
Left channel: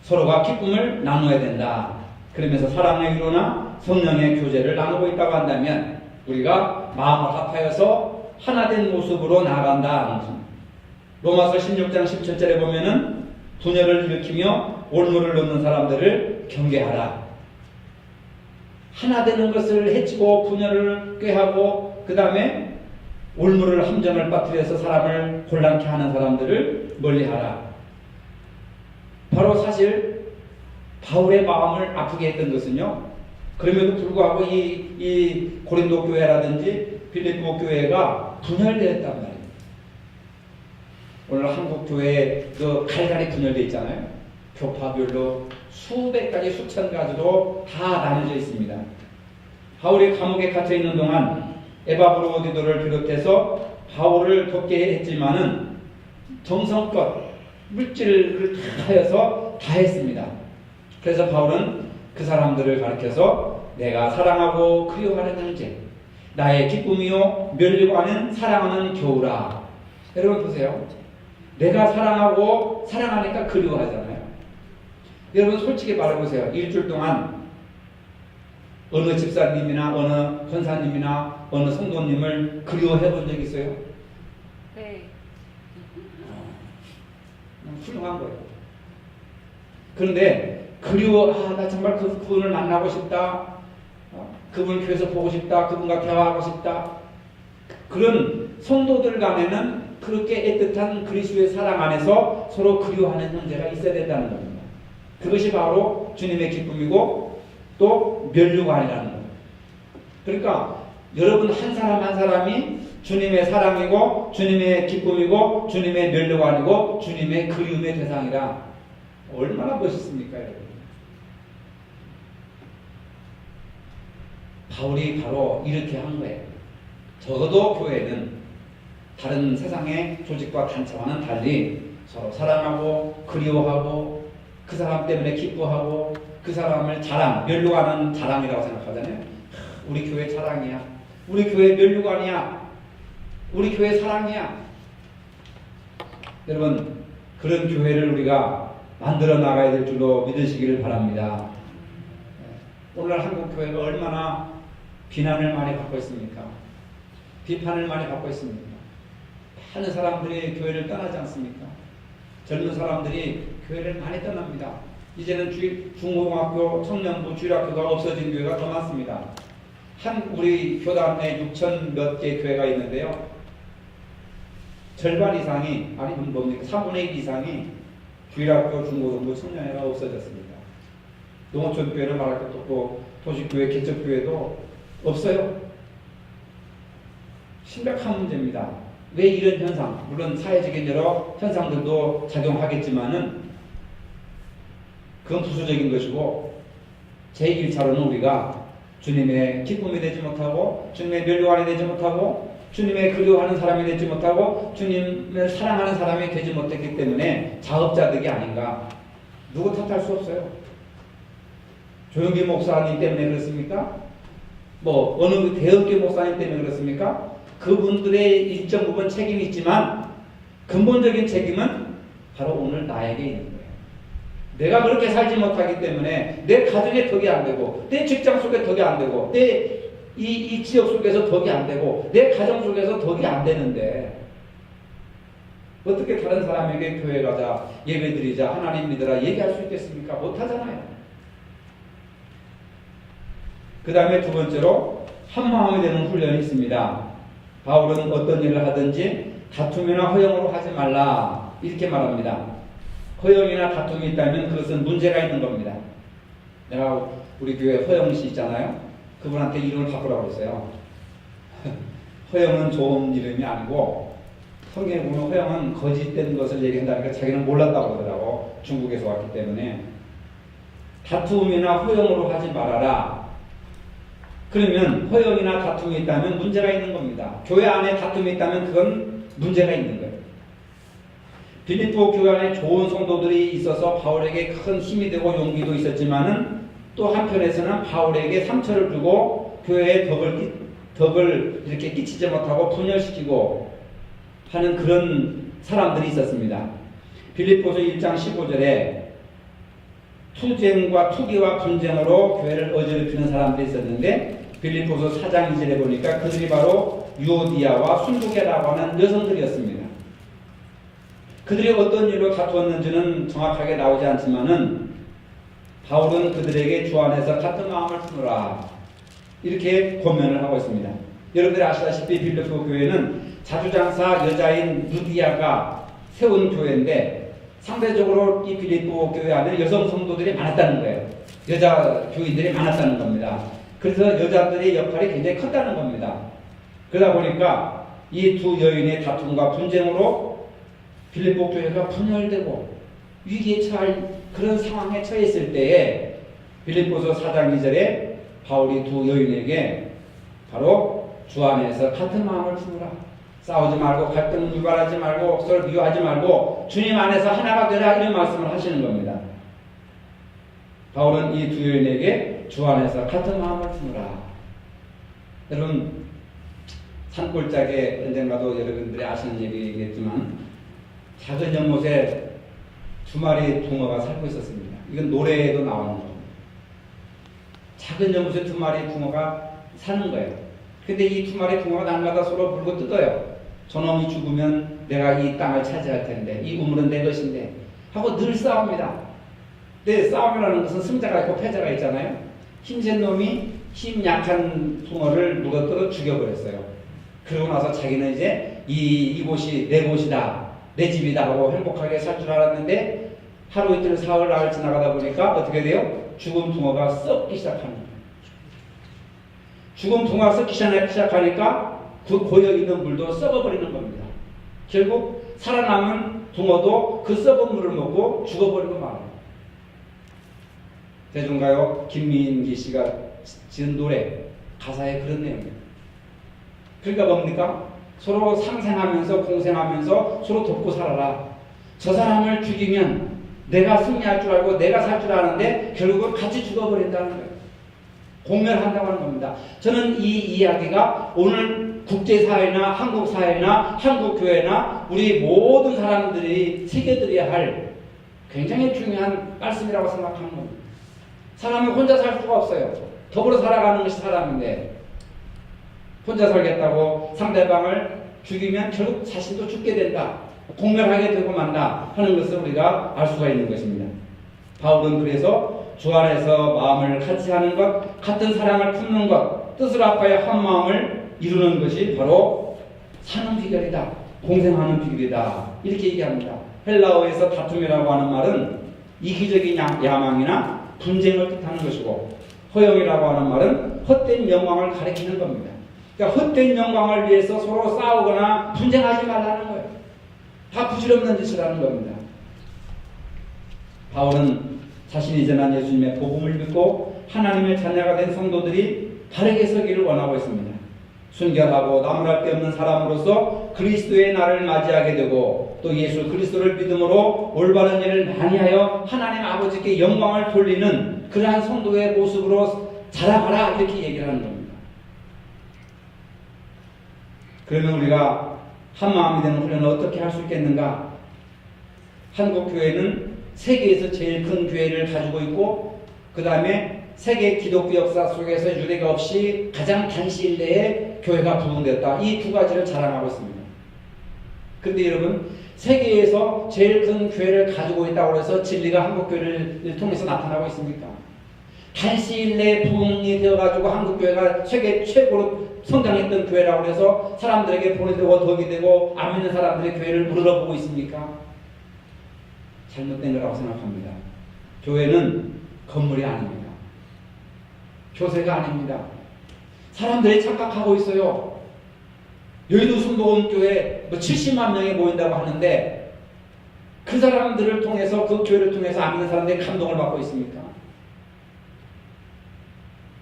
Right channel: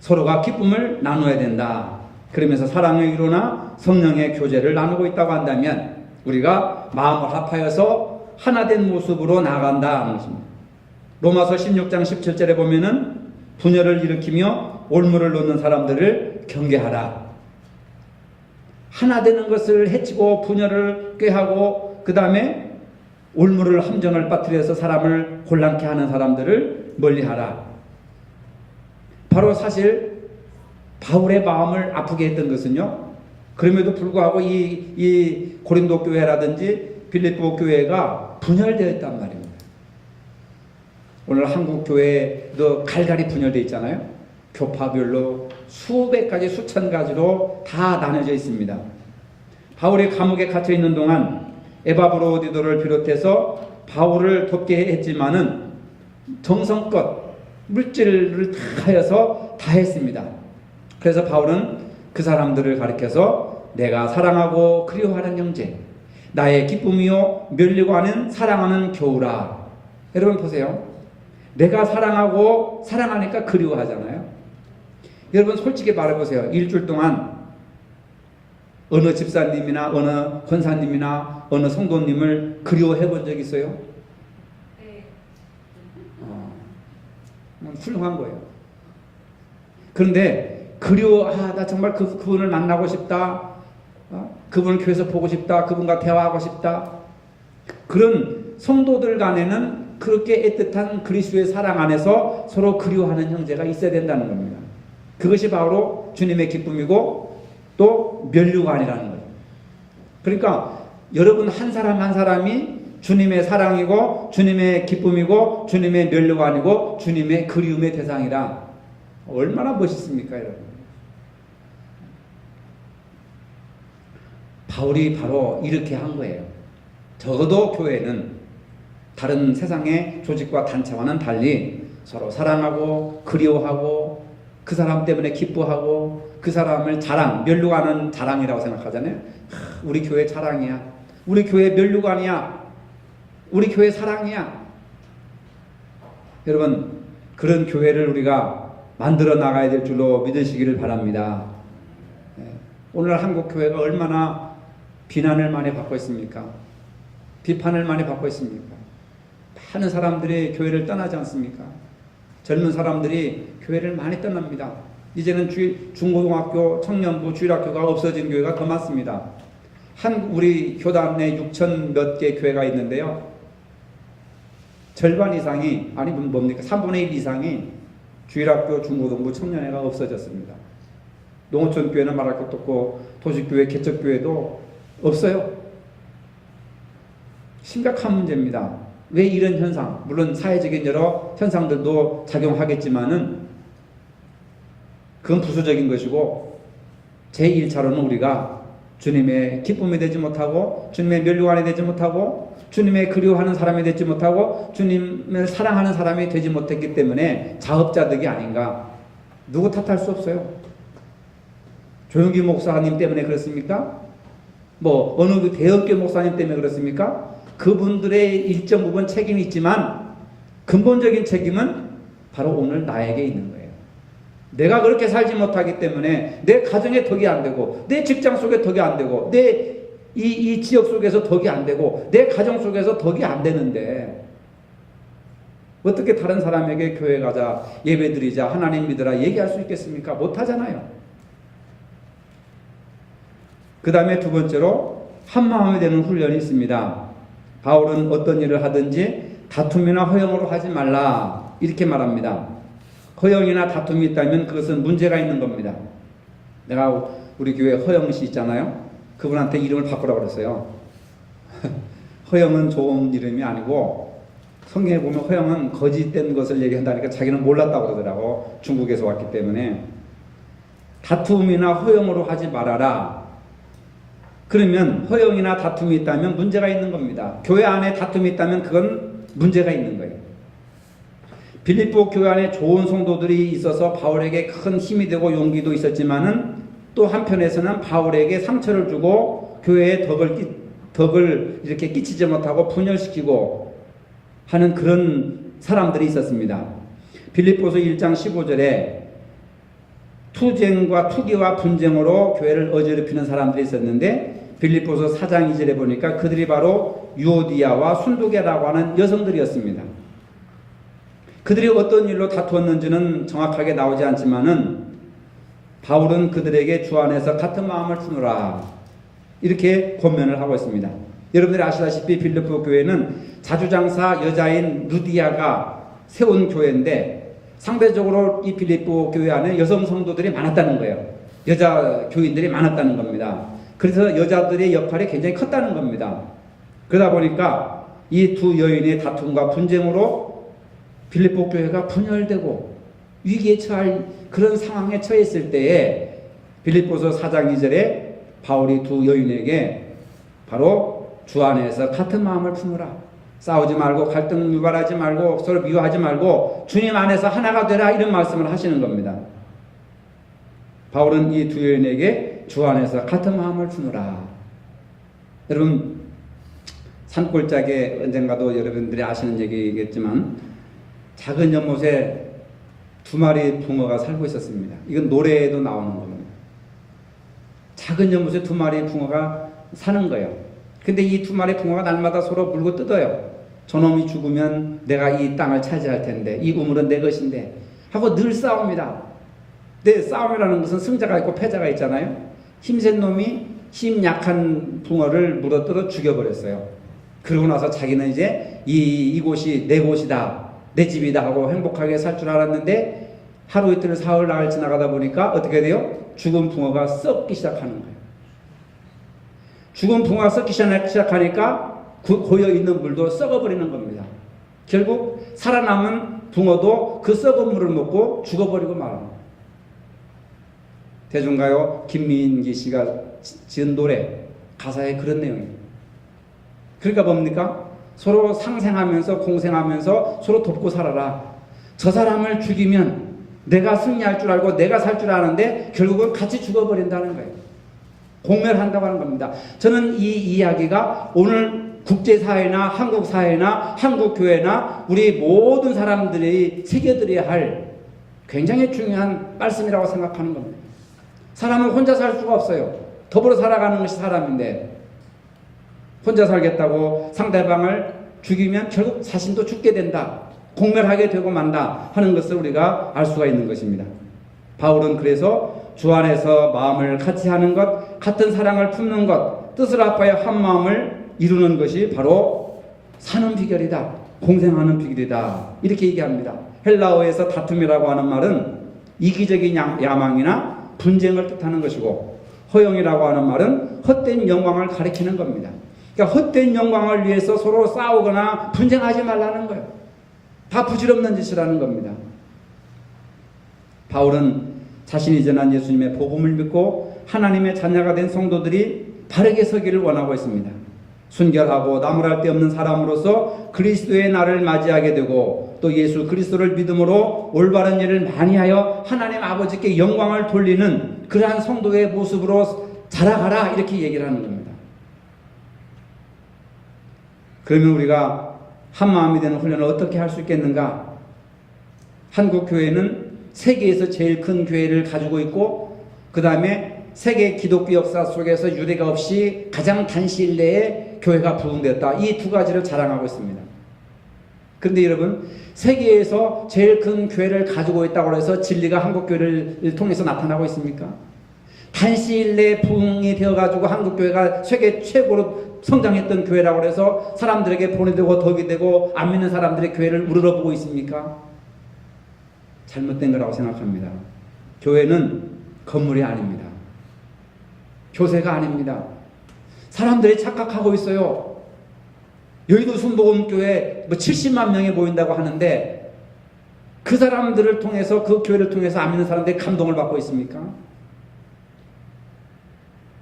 서로가 기쁨을 나눠야 된다. 그러면서 사랑의 위로나 성령의 교제를 나누고 있다고 한다면 우리가 마음을 합하여서 하나된 모습으로 나간다. 로마서 16장 17절에 보면은 분열을 일으키며 올무를 놓는 사람들을 경계하라. 하나 되는 것을 해치고 분열을 꾀하고 그 다음에 올무를 함정을 빠뜨려서 사람을 곤란케 하는 사람들을 멀리하라. 바로 사실 바울의 마음을 아프게 했던 것은요, 그럼에도 불구하고 이 고린도 교회라든지 빌립보 교회가 분열되었단 말입니다. 오늘 한국 교회도 갈갈이 분열되어 있잖아요. 교파별로 수백 가지 수천 가지로 다 나눠져 있습니다. 바울이 감옥에 갇혀 있는 동안 에바브로디도를 비롯해서 바울을 돕게 했지만은 정성껏 물질을 다 하여서 다 했습니다. 그래서 바울은 그 사람들을 가리켜서 내가 사랑하고 그리워하는 형제, 나의 기쁨이요 멸리고 하는 사랑하는 겨우라. 여러분 보세요. 내가 사랑하고 사랑하니까 그리워하잖아요. 여러분 솔직히 말해보세요. 일주일 동안 어느 집사님이나 어느 권사님이나 어느 성도님을 그리워해 본 적 있어요? 네. 훌륭한 거예요. 그런데 나 정말 그분을 만나고 싶다. 그분을 교회에서 보고 싶다. 그분과 대화하고 싶다. 그런 성도들 간에는 그렇게 애틋한 그리스도의 사랑 안에서 서로 그리워하는 형제가 있어야 된다는 겁니다. 그것이 바로 주님의 기쁨이고 또 면류가 아니라는 거예요. 그러니까 여러분 한 사람 한 사람이 주님의 사랑이고 주님의 기쁨이고 주님의 면류가 아니고 주님의 그리움의 대상이라. 얼마나 멋있습니까, 여러분? 바울이 바로 이렇게 한 거예요. 적어도 교회는 다른 세상의 조직과 단체와는 달리 서로 사랑하고 그리워하고 그 사람 때문에 기뻐하고 그 사람을 면류하는 자랑이라고 생각하잖아요. 우리 교회 자랑이야. 우리 교회 면류가 아니야. 우리 교회 사랑이야. 여러분 그런 교회를 우리가 만들어 나가야 될 줄로 믿으시기를 바랍니다. 오늘 한국 교회가 얼마나 비난을 많이 받고 있습니까? 비판을 많이 받고 있습니까? 많은 사람들이 교회를 떠나지 않습니까? 젊은 사람들이 교회를 많이 떠납니다. 이제는 중고등학교, 청년부, 주일학교가 없어진 교회가 더 많습니다. 우리 교단 내 6천 몇 개 교회가 있는데요. 절반 이상이, 아니 뭡니까? 3분의 1 이상이 주일학교, 중고등부, 청년회가 없어졌습니다. 농어촌 교회는 말할 것도 없고 도시교회, 개척교회도 없어요. 심각한 문제입니다. 왜 이런 현상, 물론 사회적인 여러 현상들도 작용하겠지만은 그건 부수적인 것이고 제1차로는 우리가 주님의 기쁨이 되지 못하고 주님의 면류관이 되지 못하고 주님의 그리워하는 사람이 되지 못하고 주님을 사랑하는 사람이 되지 못했기 때문에 자업자득이 아닌가. 누구 탓할 수 없어요. 조영기 목사님 때문에 그렇습니까? 어느 대형교 목사님 때문에 그렇습니까? 그분들의 일정 부분 책임이 있지만 근본적인 책임은 바로 오늘 나에게 있는 거예요. 내가 그렇게 살지 못하기 때문에 내 가정에 덕이 안 되고 내 직장 속에 덕이 안 되고 내 이 지역 속에서 덕이 안 되고 내 가정 속에서 덕이 안 되는데 어떻게 다른 사람에게 교회 가자, 예배 드리자, 하나님 믿으라 얘기할 수 있겠습니까? 못하잖아요. 그 다음에 두 번째로 한마음이 되는 훈련이 있습니다. 바울은 어떤 일을 하든지 다툼이나 허영으로 하지 말라 이렇게 말합니다. 허영이나 다툼이 있다면 그것은 문제가 있는 겁니다. 내가 우리 교회 허영 씨 있잖아요. 그분한테 이름을 바꾸라고 그랬어요. 허영은 좋은 이름이 아니고 성경에 보면 허영은 거짓된 것을 얘기한다니까 자기는 몰랐다고 그러더라고. 중국에서 왔기 때문에. 다툼이나 허영으로 하지 말아라. 그러면 허영이나 다툼이 있다면 문제가 있는 겁니다. 교회 안에 다툼이 있다면 그건 문제가 있는 거예요. 빌립보 교회 안에 좋은 성도들이 있어서 바울에게 큰 힘이 되고 용기도 있었지만은 또 한편에서는 바울에게 상처를 주고 교회에 덕을 이렇게 끼치지 못하고 분열시키고 하는 그런 사람들이 있었습니다. 빌립보서 1장 15절에 투기와 분쟁으로 교회를 어지럽히는 사람들이 있었는데 빌립보서 4장 2절에 보니까 그들이 바로 유오디아와 순두계라고 하는 여성들이었습니다. 그들이 어떤 일로 다투었는지는 정확하게 나오지 않지만은 바울은 그들에게 주 안에서 같은 마음을 품으라 이렇게 권면을 하고 있습니다. 여러분들이 아시다시피 빌립보 교회는 자주장사 여자인 루디아가 세운 교회인데 상대적으로 이 빌립보 교회 안에 여성 성도들이 많았다는 거예요. 여자 교인들이 많았다는 겁니다. 그래서 여자들의 역할이 굉장히 컸다는 겁니다. 그러다 보니까 이 두 여인의 다툼과 분쟁으로 빌립보 교회가 분열되고 위기에 처할 그런 상황에 처했을 때에 빌립보서 4장 2절에 바울이 두 여인에게 바로 주 안에서 같은 마음을 품으라. 싸우지 말고 갈등 유발하지 말고 서로 미워하지 말고 주님 안에서 하나가 되라 이런 말씀을 하시는 겁니다. 바울은 이 두 여인에게 주 안에서 같은 마음을 품으라. 여러분 산골짜기에 언젠가도 여러분들이 아시는 얘기겠지만 작은 연못에 두 마리 붕어가 살고 있었습니다. 이건 노래에도 나오는 겁니다. 작은 연못에 두 마리 붕어가 사는 거예요. 근데 이 두 마리 붕어가 날마다 서로 물고 뜯어요. 저놈이 죽으면 내가 이 땅을 차지할 텐데 이 우물은 내 것인데 하고 늘 싸웁니다. 근데 싸움이라는 것은 승자가 있고 패자가 있잖아요. 힘센 놈이 힘 약한 붕어를 물어뜯어 죽여버렸어요. 그러고 나서 자기는 이제 이곳이 내 곳이다, 내 집이다 하고 행복하게 살 줄 알았는데 하루 이틀 사흘 나흘 지나가다 보니까 어떻게 돼요? 죽은 붕어가 썩기 시작하는 거예요. 죽은 붕어가 썩기 시작하니까 그 고여있는 물도 썩어버리는 겁니다. 결국 살아남은 붕어도 그 썩은 물을 먹고 죽어버리고 말합니다. 대중가요 김민기 씨가 지은 노래 가사에 그런 내용이에요. 그러니까 뭡니까? 서로 상생하면서 공생하면서 서로 돕고 살아라. 저 사람을 죽이면 내가 승리할 줄 알고 내가 살 줄 아는데 결국은 같이 죽어버린다는 거예요. 공멸한다고 하는 겁니다. 저는 이 이야기가 오늘 국제사회나 한국사회나 한국교회나 우리 모든 사람들이 새겨들어야 할 굉장히 중요한 말씀이라고 생각하는 겁니다. 사람은 혼자 살 수가 없어요. 더불어 살아가는 것이 사람인데 혼자 살겠다고 상대방을 죽이면 결국 자신도 죽게 된다. 공멸하게 되고 만다 하는 것을 우리가 알 수가 있는 것입니다. 바울은 그래서 주 안에서 마음을 같이 하는 것, 같은 사랑을 품는 것, 뜻을 합하여 한 마음을 이루는 것이 바로 사는 비결이다. 공생하는 비결이다. 이렇게 얘기합니다. 헬라어에서 다툼이라고 하는 말은 이기적인 야망이나 분쟁을 뜻하는 것이고 허영이라고 하는 말은 헛된 영광을 가리키는 겁니다. 그러니까 헛된 영광을 위해서 서로 싸우거나 분쟁하지 말라는 거예요. 다 부질없는 짓을 하는 겁니다. 바울은 자신이 전한 예수님의 복음을 믿고 하나님의 자녀가 된 성도들이 바르게 서기를 원하고 있습니다. 순결하고 나무랄 데 없는 사람으로서 그리스도의 날을 맞이하게 되고 또 예수 그리스도를 믿음으로 올바른 일을 많이 하여 하나님 아버지께 영광을 돌리는 그러한 성도의 모습으로 자라가라 이렇게 얘기를 하는 겁니다. 그러면 우리가 한 마음이 되는 훈련을 어떻게 할 수 있겠는가? 한국교회는 세계에서 제일 큰 교회를 가지고 있고 그 다음에 세계 기독교 역사 속에서 유례가 없이 가장 단시일 내에 교회가 부흥됐다. 이 두 가지를 자랑하고 있습니다. 그런데 여러분 세계에서 제일 큰 교회를 가지고 있다고 해서 진리가 한국교회를 통해서 나타나고 있습니까? 단시일 내에 부흥이 되어가지고 한국교회가 세계 최고로 성장했던 교회라고 해서 사람들에게 본이 되고 덕이 되고 안 믿는 사람들의 교회를 우러러보고 있습니까? 잘못된 거라고 생각합니다. 교회는 건물이 아닙니다. 교세가 아닙니다. 사람들이 착각하고 있어요. 여의도 순복음교회 뭐 70만 명이 모인다고 하는데 그 사람들을 통해서, 그 교회를 통해서 안 믿는 사람들이 감동을 받고 있습니까?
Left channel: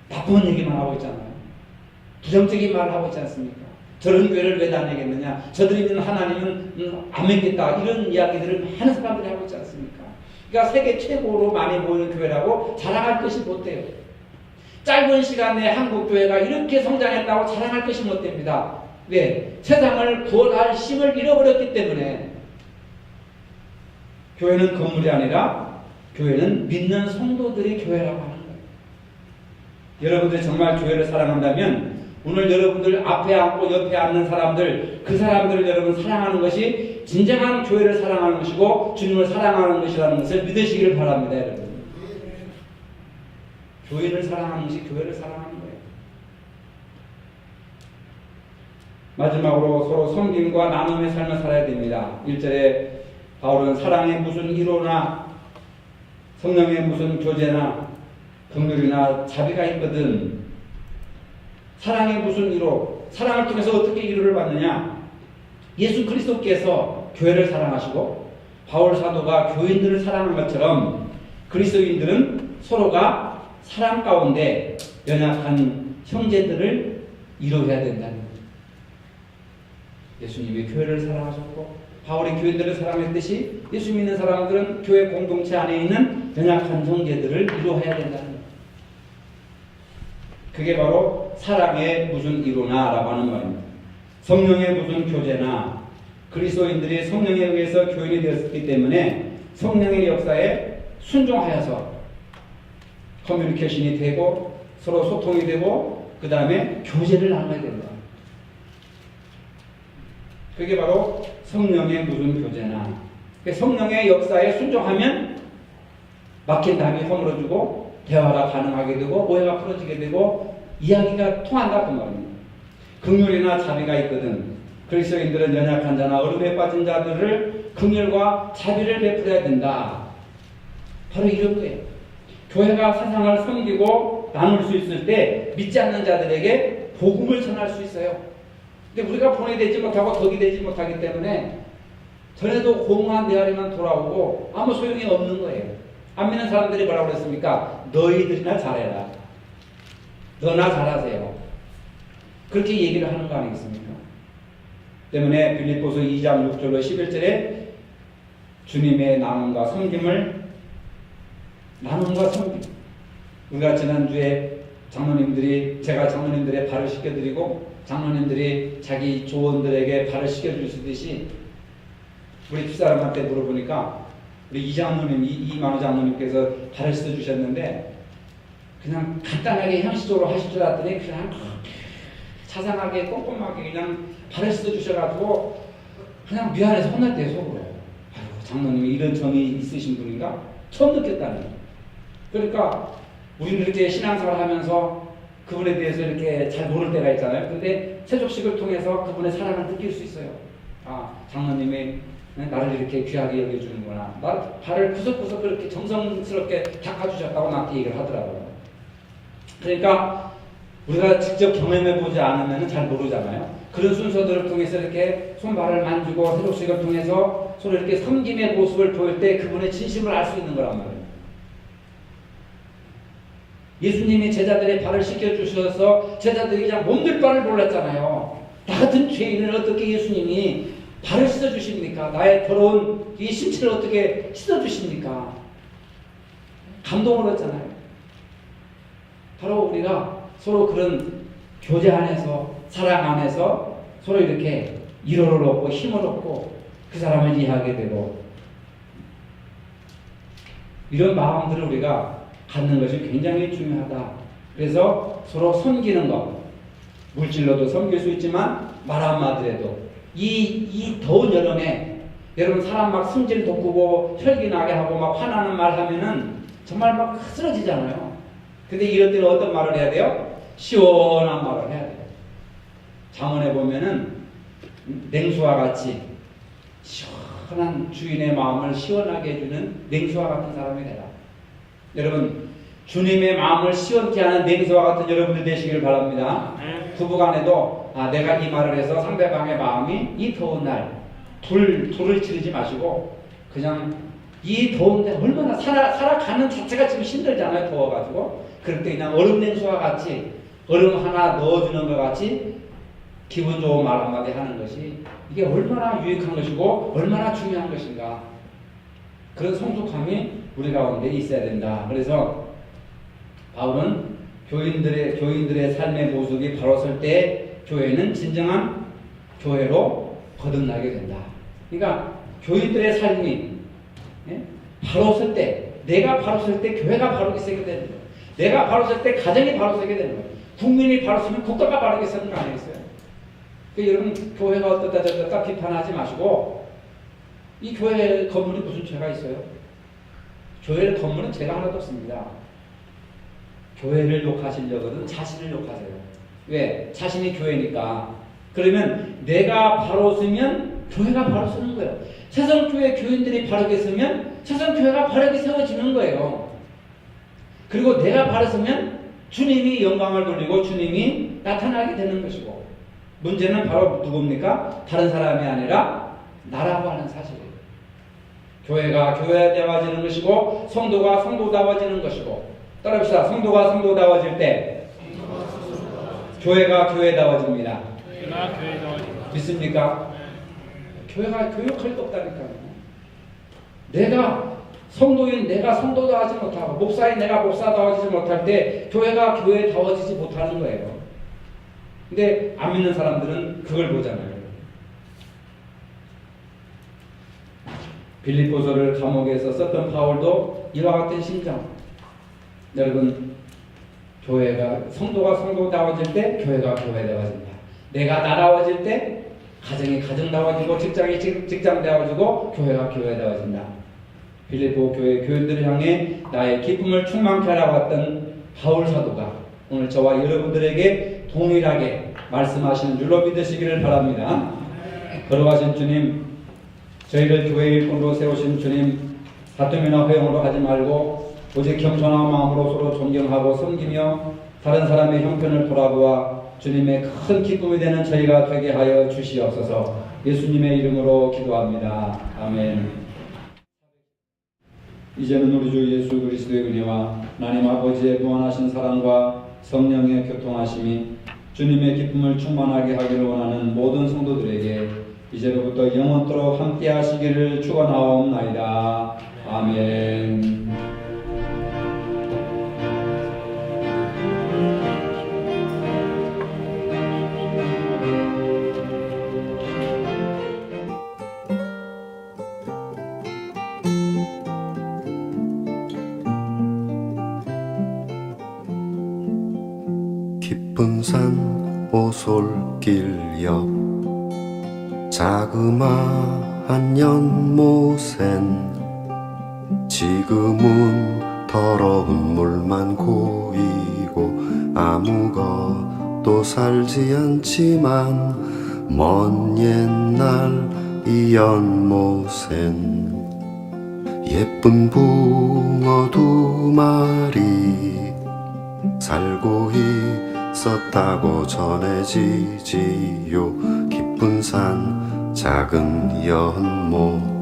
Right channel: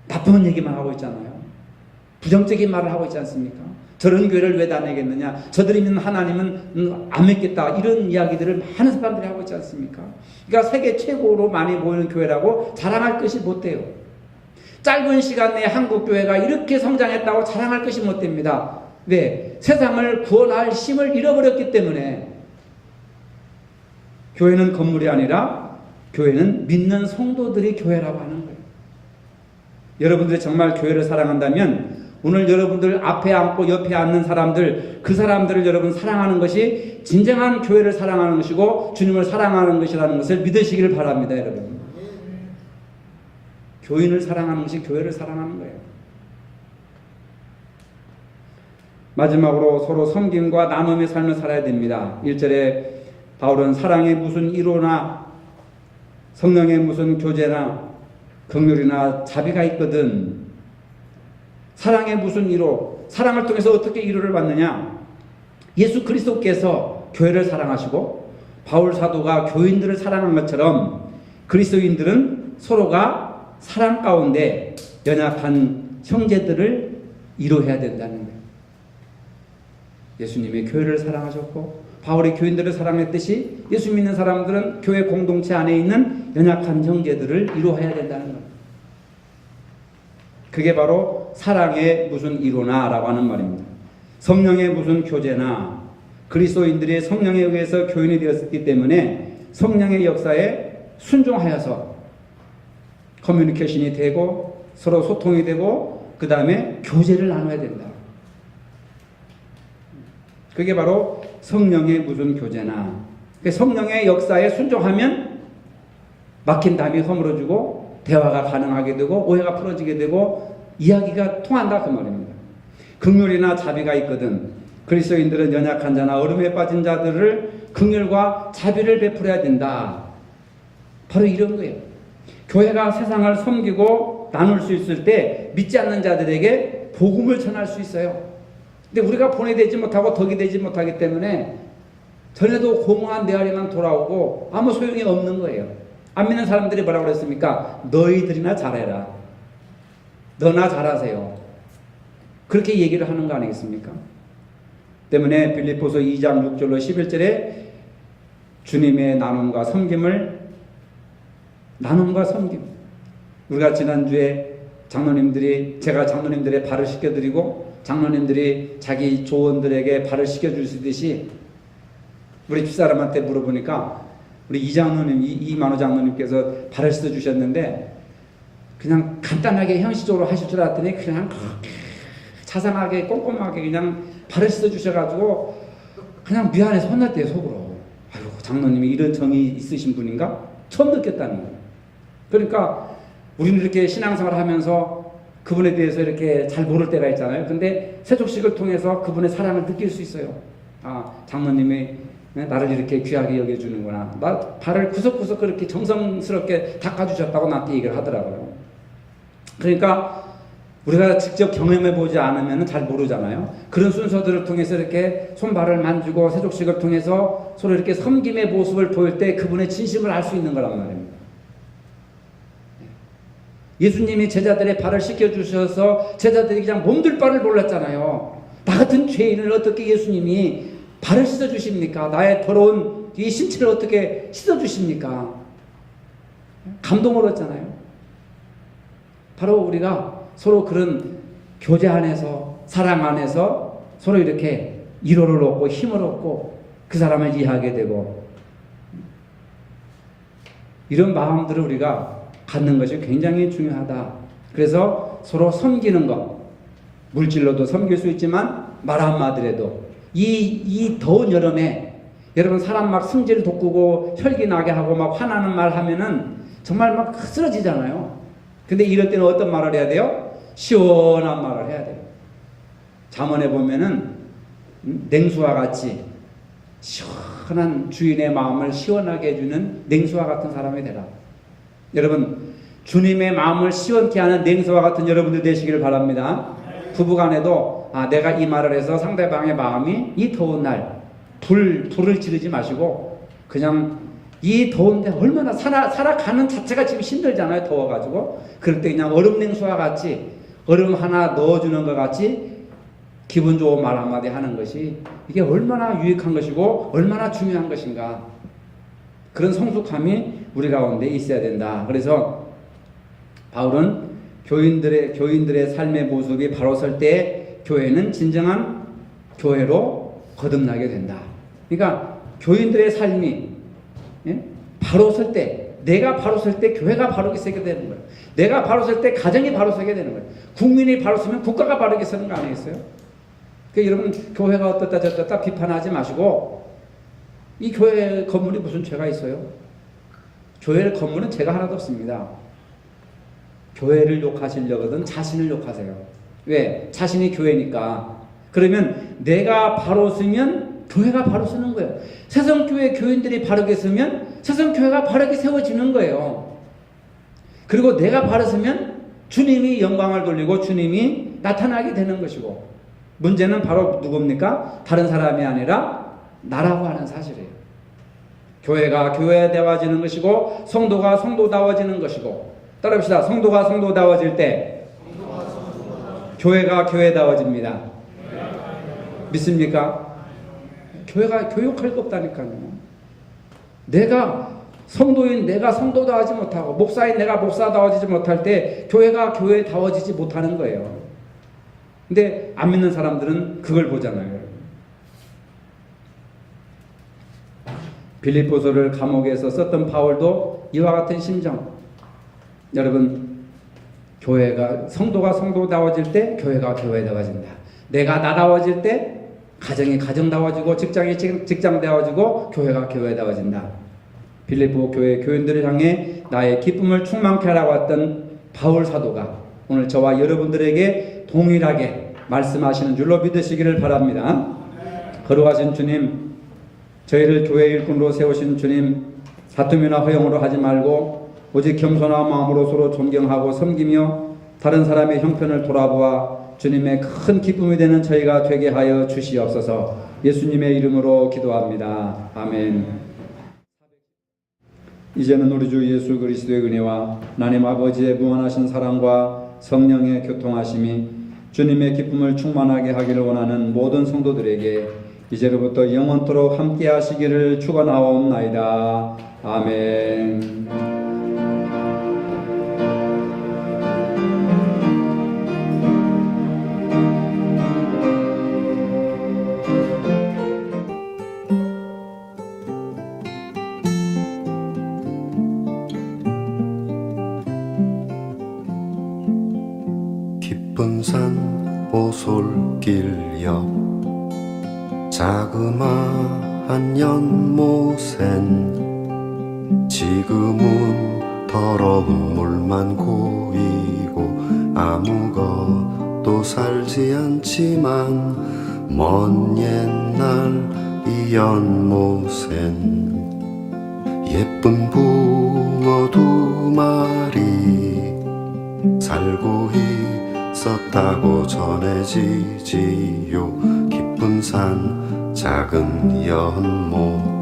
나쁜 얘기만 하고 있잖아요. 부정적인 말을 하고 있지 않습니까? 저런 교회를 왜 다니겠느냐, 저들이 믿는 하나님은 안 믿겠다, 이런 이야기들을 많은 사람들이 하고 있지 않습니까? 그러니까 세계 최고로 많이 모이는 교회라고 자랑할 것이 못 돼요. 짧은 시간 내에 한국 교회가 이렇게 성장했다고 자랑할 것이 못 됩니다. 네, 세상을 구원할 힘을 잃어버렸기 때문에. 교회는 건물이 아니라 교회는 믿는 성도들이 교회라고 하는 거예요. 여러분들이 정말 교회를 사랑한다면 오늘 여러분들 앞에 앉고 옆에 앉는 사람들, 그 사람들을 여러분 사랑하는 것이 진정한 교회를 사랑하는 것이고 주님을 사랑하는 것이라는 것을 믿으시기를 바랍니다. 여러분, 교인을 사랑하는 것이 교회를 사랑하는 거예요. 마지막으로 서로 섬김과 나눔의 삶을 살아야 됩니다. 1절에 바울은 사랑에 무슨 이로나 성령에 무슨 교제나 긍휼이나 자비가 있거든. 사랑에 무슨 이로, 사랑을 통해서 어떻게 이로를 받느냐? 예수 그리스도께서 교회를 사랑하시고 바울 사도가 교인들을 사랑한 것처럼 그리스도인들은 서로가 사랑 가운데 연약한 형제들을 이로해야 된다는 거예요. 예수님이 교회를 사랑하셨고 바울이 교인들을 사랑했듯이 예수 믿는 사람들은 교회 공동체 안에 있는 연약한 형제들을 이로해야 된다는 거예요. 그게 바로 사랑의 무슨 이로나 라고 하는 말입니다. 성령의 무슨 교제나, 그리스도인들이 성령에 의해서 교인이 되었기 때문에 성령의 역사에 순종하여서 커뮤니케이션이 되고 서로 소통이 되고 그 다음에 교제를 나눠야 된다. 그게 바로 성령의 무슨 교제나. 성령의 역사에 순종하면 막힌 담이 허물어지고 대화가 가능하게 되고 오해가 풀어지게 되고 이야기가 통한다 그 말입니다. 긍휼이나 자비가 있거든. 그리스도인들은 연약한 자나 어둠에 빠진 자들을 긍휼과 자비를 베풀어야 된다. 바로 이런 거예요. 교회가 세상을 섬기고 나눌 수 있을 때 믿지 않는 자들에게 복음을 전할 수 있어요. 근데 우리가 보내되지 못하고 덕이 되지 못하기 때문에 전에도 공허한 대화에만 돌아오고 아무 소용이 없는 거예요. 안 믿는 사람들이 뭐라고 그랬습니까? 너희들이나 잘해라. 너나 잘하세요. 그렇게 얘기를 하는 거 아니겠습니까? 때문에 빌립보서 2장 6절로 11절에 주님의 나눔과 섬김, 우리가 지난주에 제가 장로님들의 발을 씻겨드리고 장로님들이 자기 조원들에게 발을 씻겨주시듯이 우리 집사람한테 물어보니까 우리 이만호 장로님께서 발을 씻어주셨는데 그냥 간단하게 형식적으로 하실 줄 알았더니 그냥 자상하게 꼼꼼하게 그냥 발을 씻어주셔가지고 그냥 미안해서 혼났대요, 속으로. 아이고, 장로님이 이런 정이 있으신 분인가? 처음 느꼈다는 거예요. 그러니까 우리는 이렇게 신앙생활 하면서 그분에 대해서 이렇게 잘 모를 때가 있잖아요. 근데 세족식을 통해서 그분의 사랑을 느낄 수 있어요. 아, 장로님이 나를 이렇게 귀하게 여겨주는구나. 나 발을 구석구석 그렇게 정성스럽게 닦아주셨다고 나한테 얘기를 하더라고요. 그러니까 우리가 직접 경험해보지 않으면 잘 모르잖아요. 그런 순서들을 통해서 이렇게 손발을 만지고 세족식을 통해서 서로 이렇게 섬김의 모습을 보일 때 그분의 진심을 알 수 있는 거란 말입니다. 예수님이 제자들의 발을 씻겨주셔서 제자들이 그냥 몸둘 바를 몰랐잖아요. 나 같은 죄인을 어떻게 예수님이 발을 씻어주십니까? 나의 더러운 이 신체를 어떻게 씻어주십니까? 감동을 얻잖아요. 바로 우리가 서로 그런 교제 안에서, 사랑 안에서 서로 이렇게 위로를 얻고 힘을 얻고 그 사람을 이해하게 되고 이런 마음들을 우리가 갖는 것이 굉장히 중요하다. 그래서 서로 섬기는 것, 물질로도 섬길 수 있지만 말 한마디라도 이 더운 여름에 여러분 사람 막 승질 돋구고 혈기 나게 하고 막 화나는 말 하면은 정말 막 쓰러지잖아요. 근데 이럴 때는 어떤 말을 해야 돼요? 시원한 말을 해야 돼요. 잠언에 보면은 냉수와 같이 시원한 주인의 마음을 시원하게 해주는 냉수와 같은 사람이 되라. 여러분 주님의 마음을 시원케 하는 냉수와 같은 여러분들 되시기를 바랍니다. 부부간에도 내가 이 말을 해서 상대방의 마음이 이 더운 날 불을 지르지 마시고 그냥 이 더운데 얼마나 살아가는 자체가 지금 힘들잖아요. 더워가지고. 그럴 때 그냥 얼음 냉수와 같이 얼음 하나 넣어주는 것 같이 기분 좋은 말 한마디 하는 것이 이게 얼마나 유익한 것이고 얼마나 중요한 것인가. 그런 성숙함이 우리 가운데 있어야 된다. 그래서 바울은 교인들의 삶의 모습이 바로 설 때 교회는 진정한 교회로 거듭나게 된다. 그러니까 교인들의 삶이 바로 설 때, 내가 바로 설 때 교회가 바르게 서게 되는 거예요. 내가 바로 설 때 가정이 바로 서게 되는 거예요. 국민이 바로 서면 국가가 바르게 서는 거 아니겠어요? 그러니까 여러분 교회가 어떻다 저떻다 비판하지 마시고 이 교회 건물이 무슨 죄가 있어요? 교회 건물은 죄가 하나도 없습니다. 교회를 욕하시려거든 자신을 욕하세요. 왜? 자신이 교회니까. 그러면 내가 바로 서면 교회가 바로 서는 거예요. 세성교회 교인들이 바르게 서면 세성교회가 바르게 세워지는 거예요. 그리고 내가 바로 서면 주님이 영광을 돌리고 주님이 나타나게 되는 것이고 문제는 바로 누굽니까? 다른 사람이 아니라 나라고 하는 사실이에요. 교회가 교회다워지는 것이고 성도가 성도다워지는 것이고 따라합시다. 성도가 성도다워질 때 교회가 교회다워집니다. 믿습니까? 교회가 교육할 거 없다니까요. 내가 성도인 내가 성도다워지지 못하고 목사인 내가 목사다워지지 못할 때 교회가 교회다워지지 못하는 거예요. 근데 안 믿는 사람들은 그걸 보잖아요. 빌립보서를 감옥에서 썼던 바울도 이와 같은 심정. 여러분, 교회가 성도가 성도다워질 때 교회가 교회다워진다. 내가 나다워질 때 가정이 가정다워지고 직장이 직장다워지고 교회가 교회다워진다. 빌립보 교회 교인들을 향해 나의 기쁨을 충만케 하라고 했던 바울 사도가 오늘 저와 여러분들에게 동일하게 말씀하시는 줄로 믿으시기를 바랍니다. 거룩하신 주님, 저희를 교회 일꾼으로 세우신 주님, 다툼이나 허용으로 하지 말고 오직 겸손한 마음으로 서로 존경하고 섬기며 다른 사람의 형편을 돌아보아 주님의 큰 기쁨이 되는 저희가 되게 하여 주시옵소서. 예수님의 이름으로 기도합니다. 아멘. 이제는 우리 주 예수 그리스도의 은혜와 하나님 아버지의 무한하신 사랑과 성령의 교통하심이 주님의 기쁨을 충만하게 하기를 원하는 모든 성도들에게 이제로부터 영원토록 함께 하시기를 축원하옵나이다. 아멘. 깊은 산 오솔길 옆 자그마한 연못엔 지금은 더러운 물만 고이고 아무것도 살지 않지만 먼 옛날 이 연못엔 예쁜 붕어 2마리 살고 있었다고 전해지지요. 깊은 산 작은 연못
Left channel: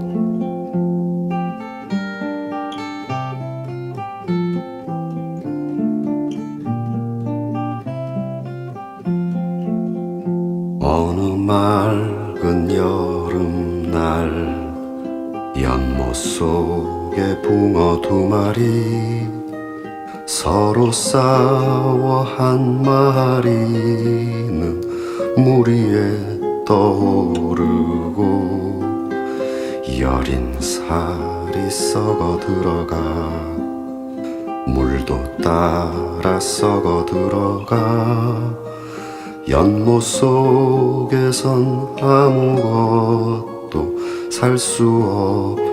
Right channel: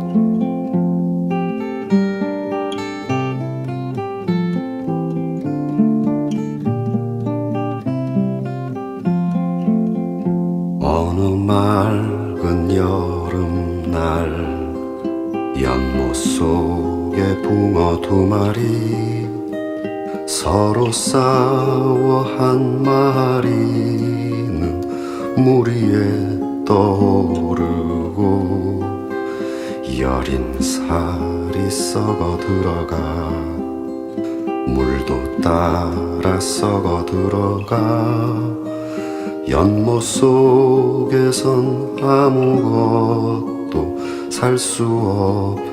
어느 맑은 여름날 연못 속에 붕어 2마리 서로 싸워 한 마리는 물 위에 떠오르고 여린 살이 썩어 들어가 물도 따라 썩어 들어가 연못 속에선 아무것도 살 수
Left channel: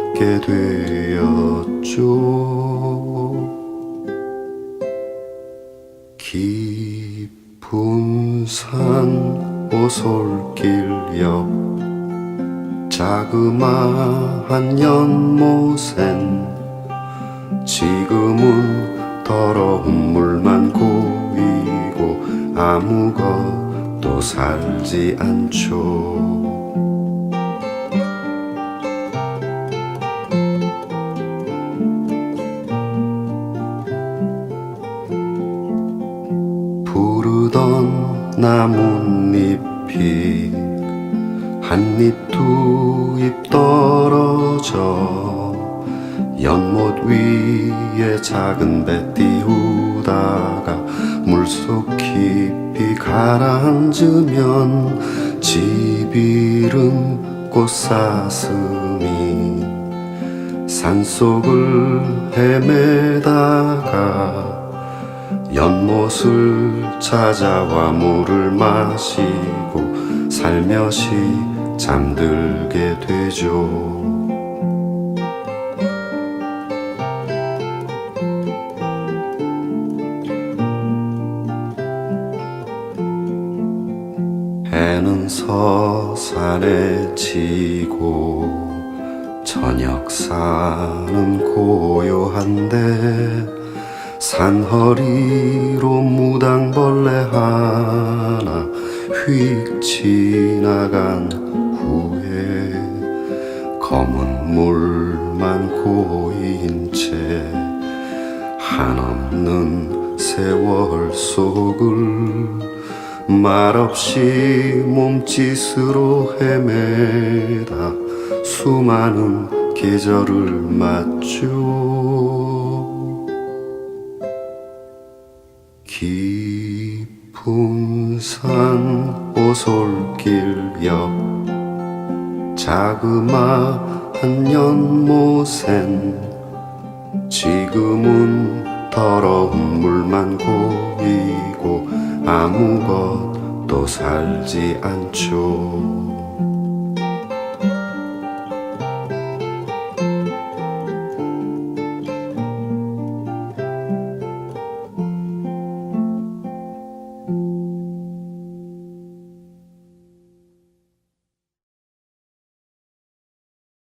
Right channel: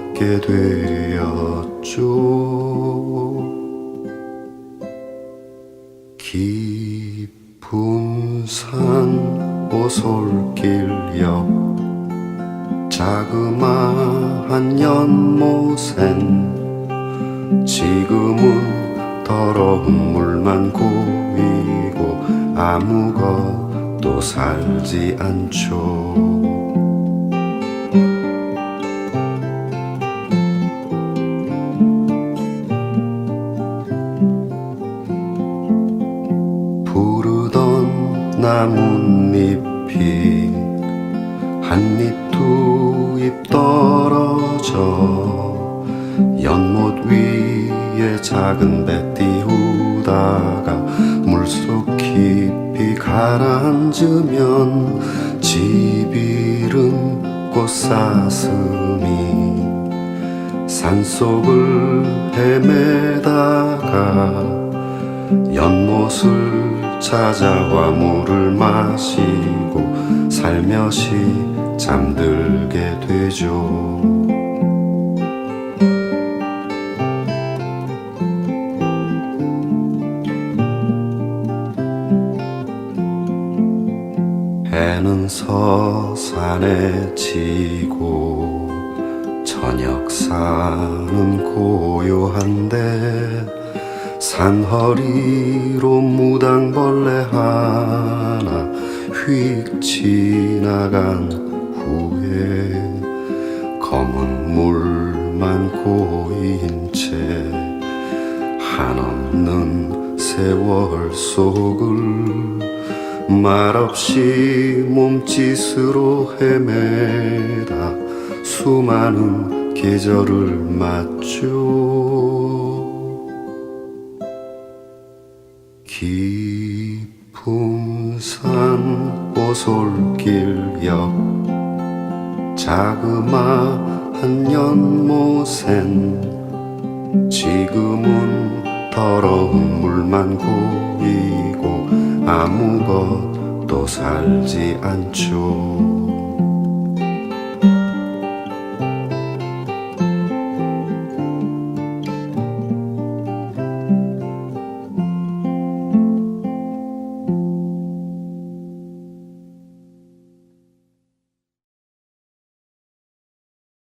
없게 되었죠. 깊은 산 오솔길 옆 자그마한 연못엔 지금은 더러운 물만 고이고 아무것도 또 살지 않죠. 푸르던 나뭇잎이 한 입 두 입 떨어져 연못 위에 작은 배 띄우다가 물속 깊이 가라앉으면 집 잃은 꽃사슴이 산속을 헤매다가 연못을 찾아와 물을 마시고 살며시 잠들게 되죠. 해는 서산에 지고 저녁사는 고요한데 산허리로 무당벌레 하나 휙 지나간 후에 검은 물만 고인 채 한없는 세월 속을 말없이 몸짓으로 헤매다 수많은 계절을 맞죠. 깊은 산 오솔길 옆 자그마한 연못엔 지금은 더러운 물만 고이고 아무것도 살지 않죠.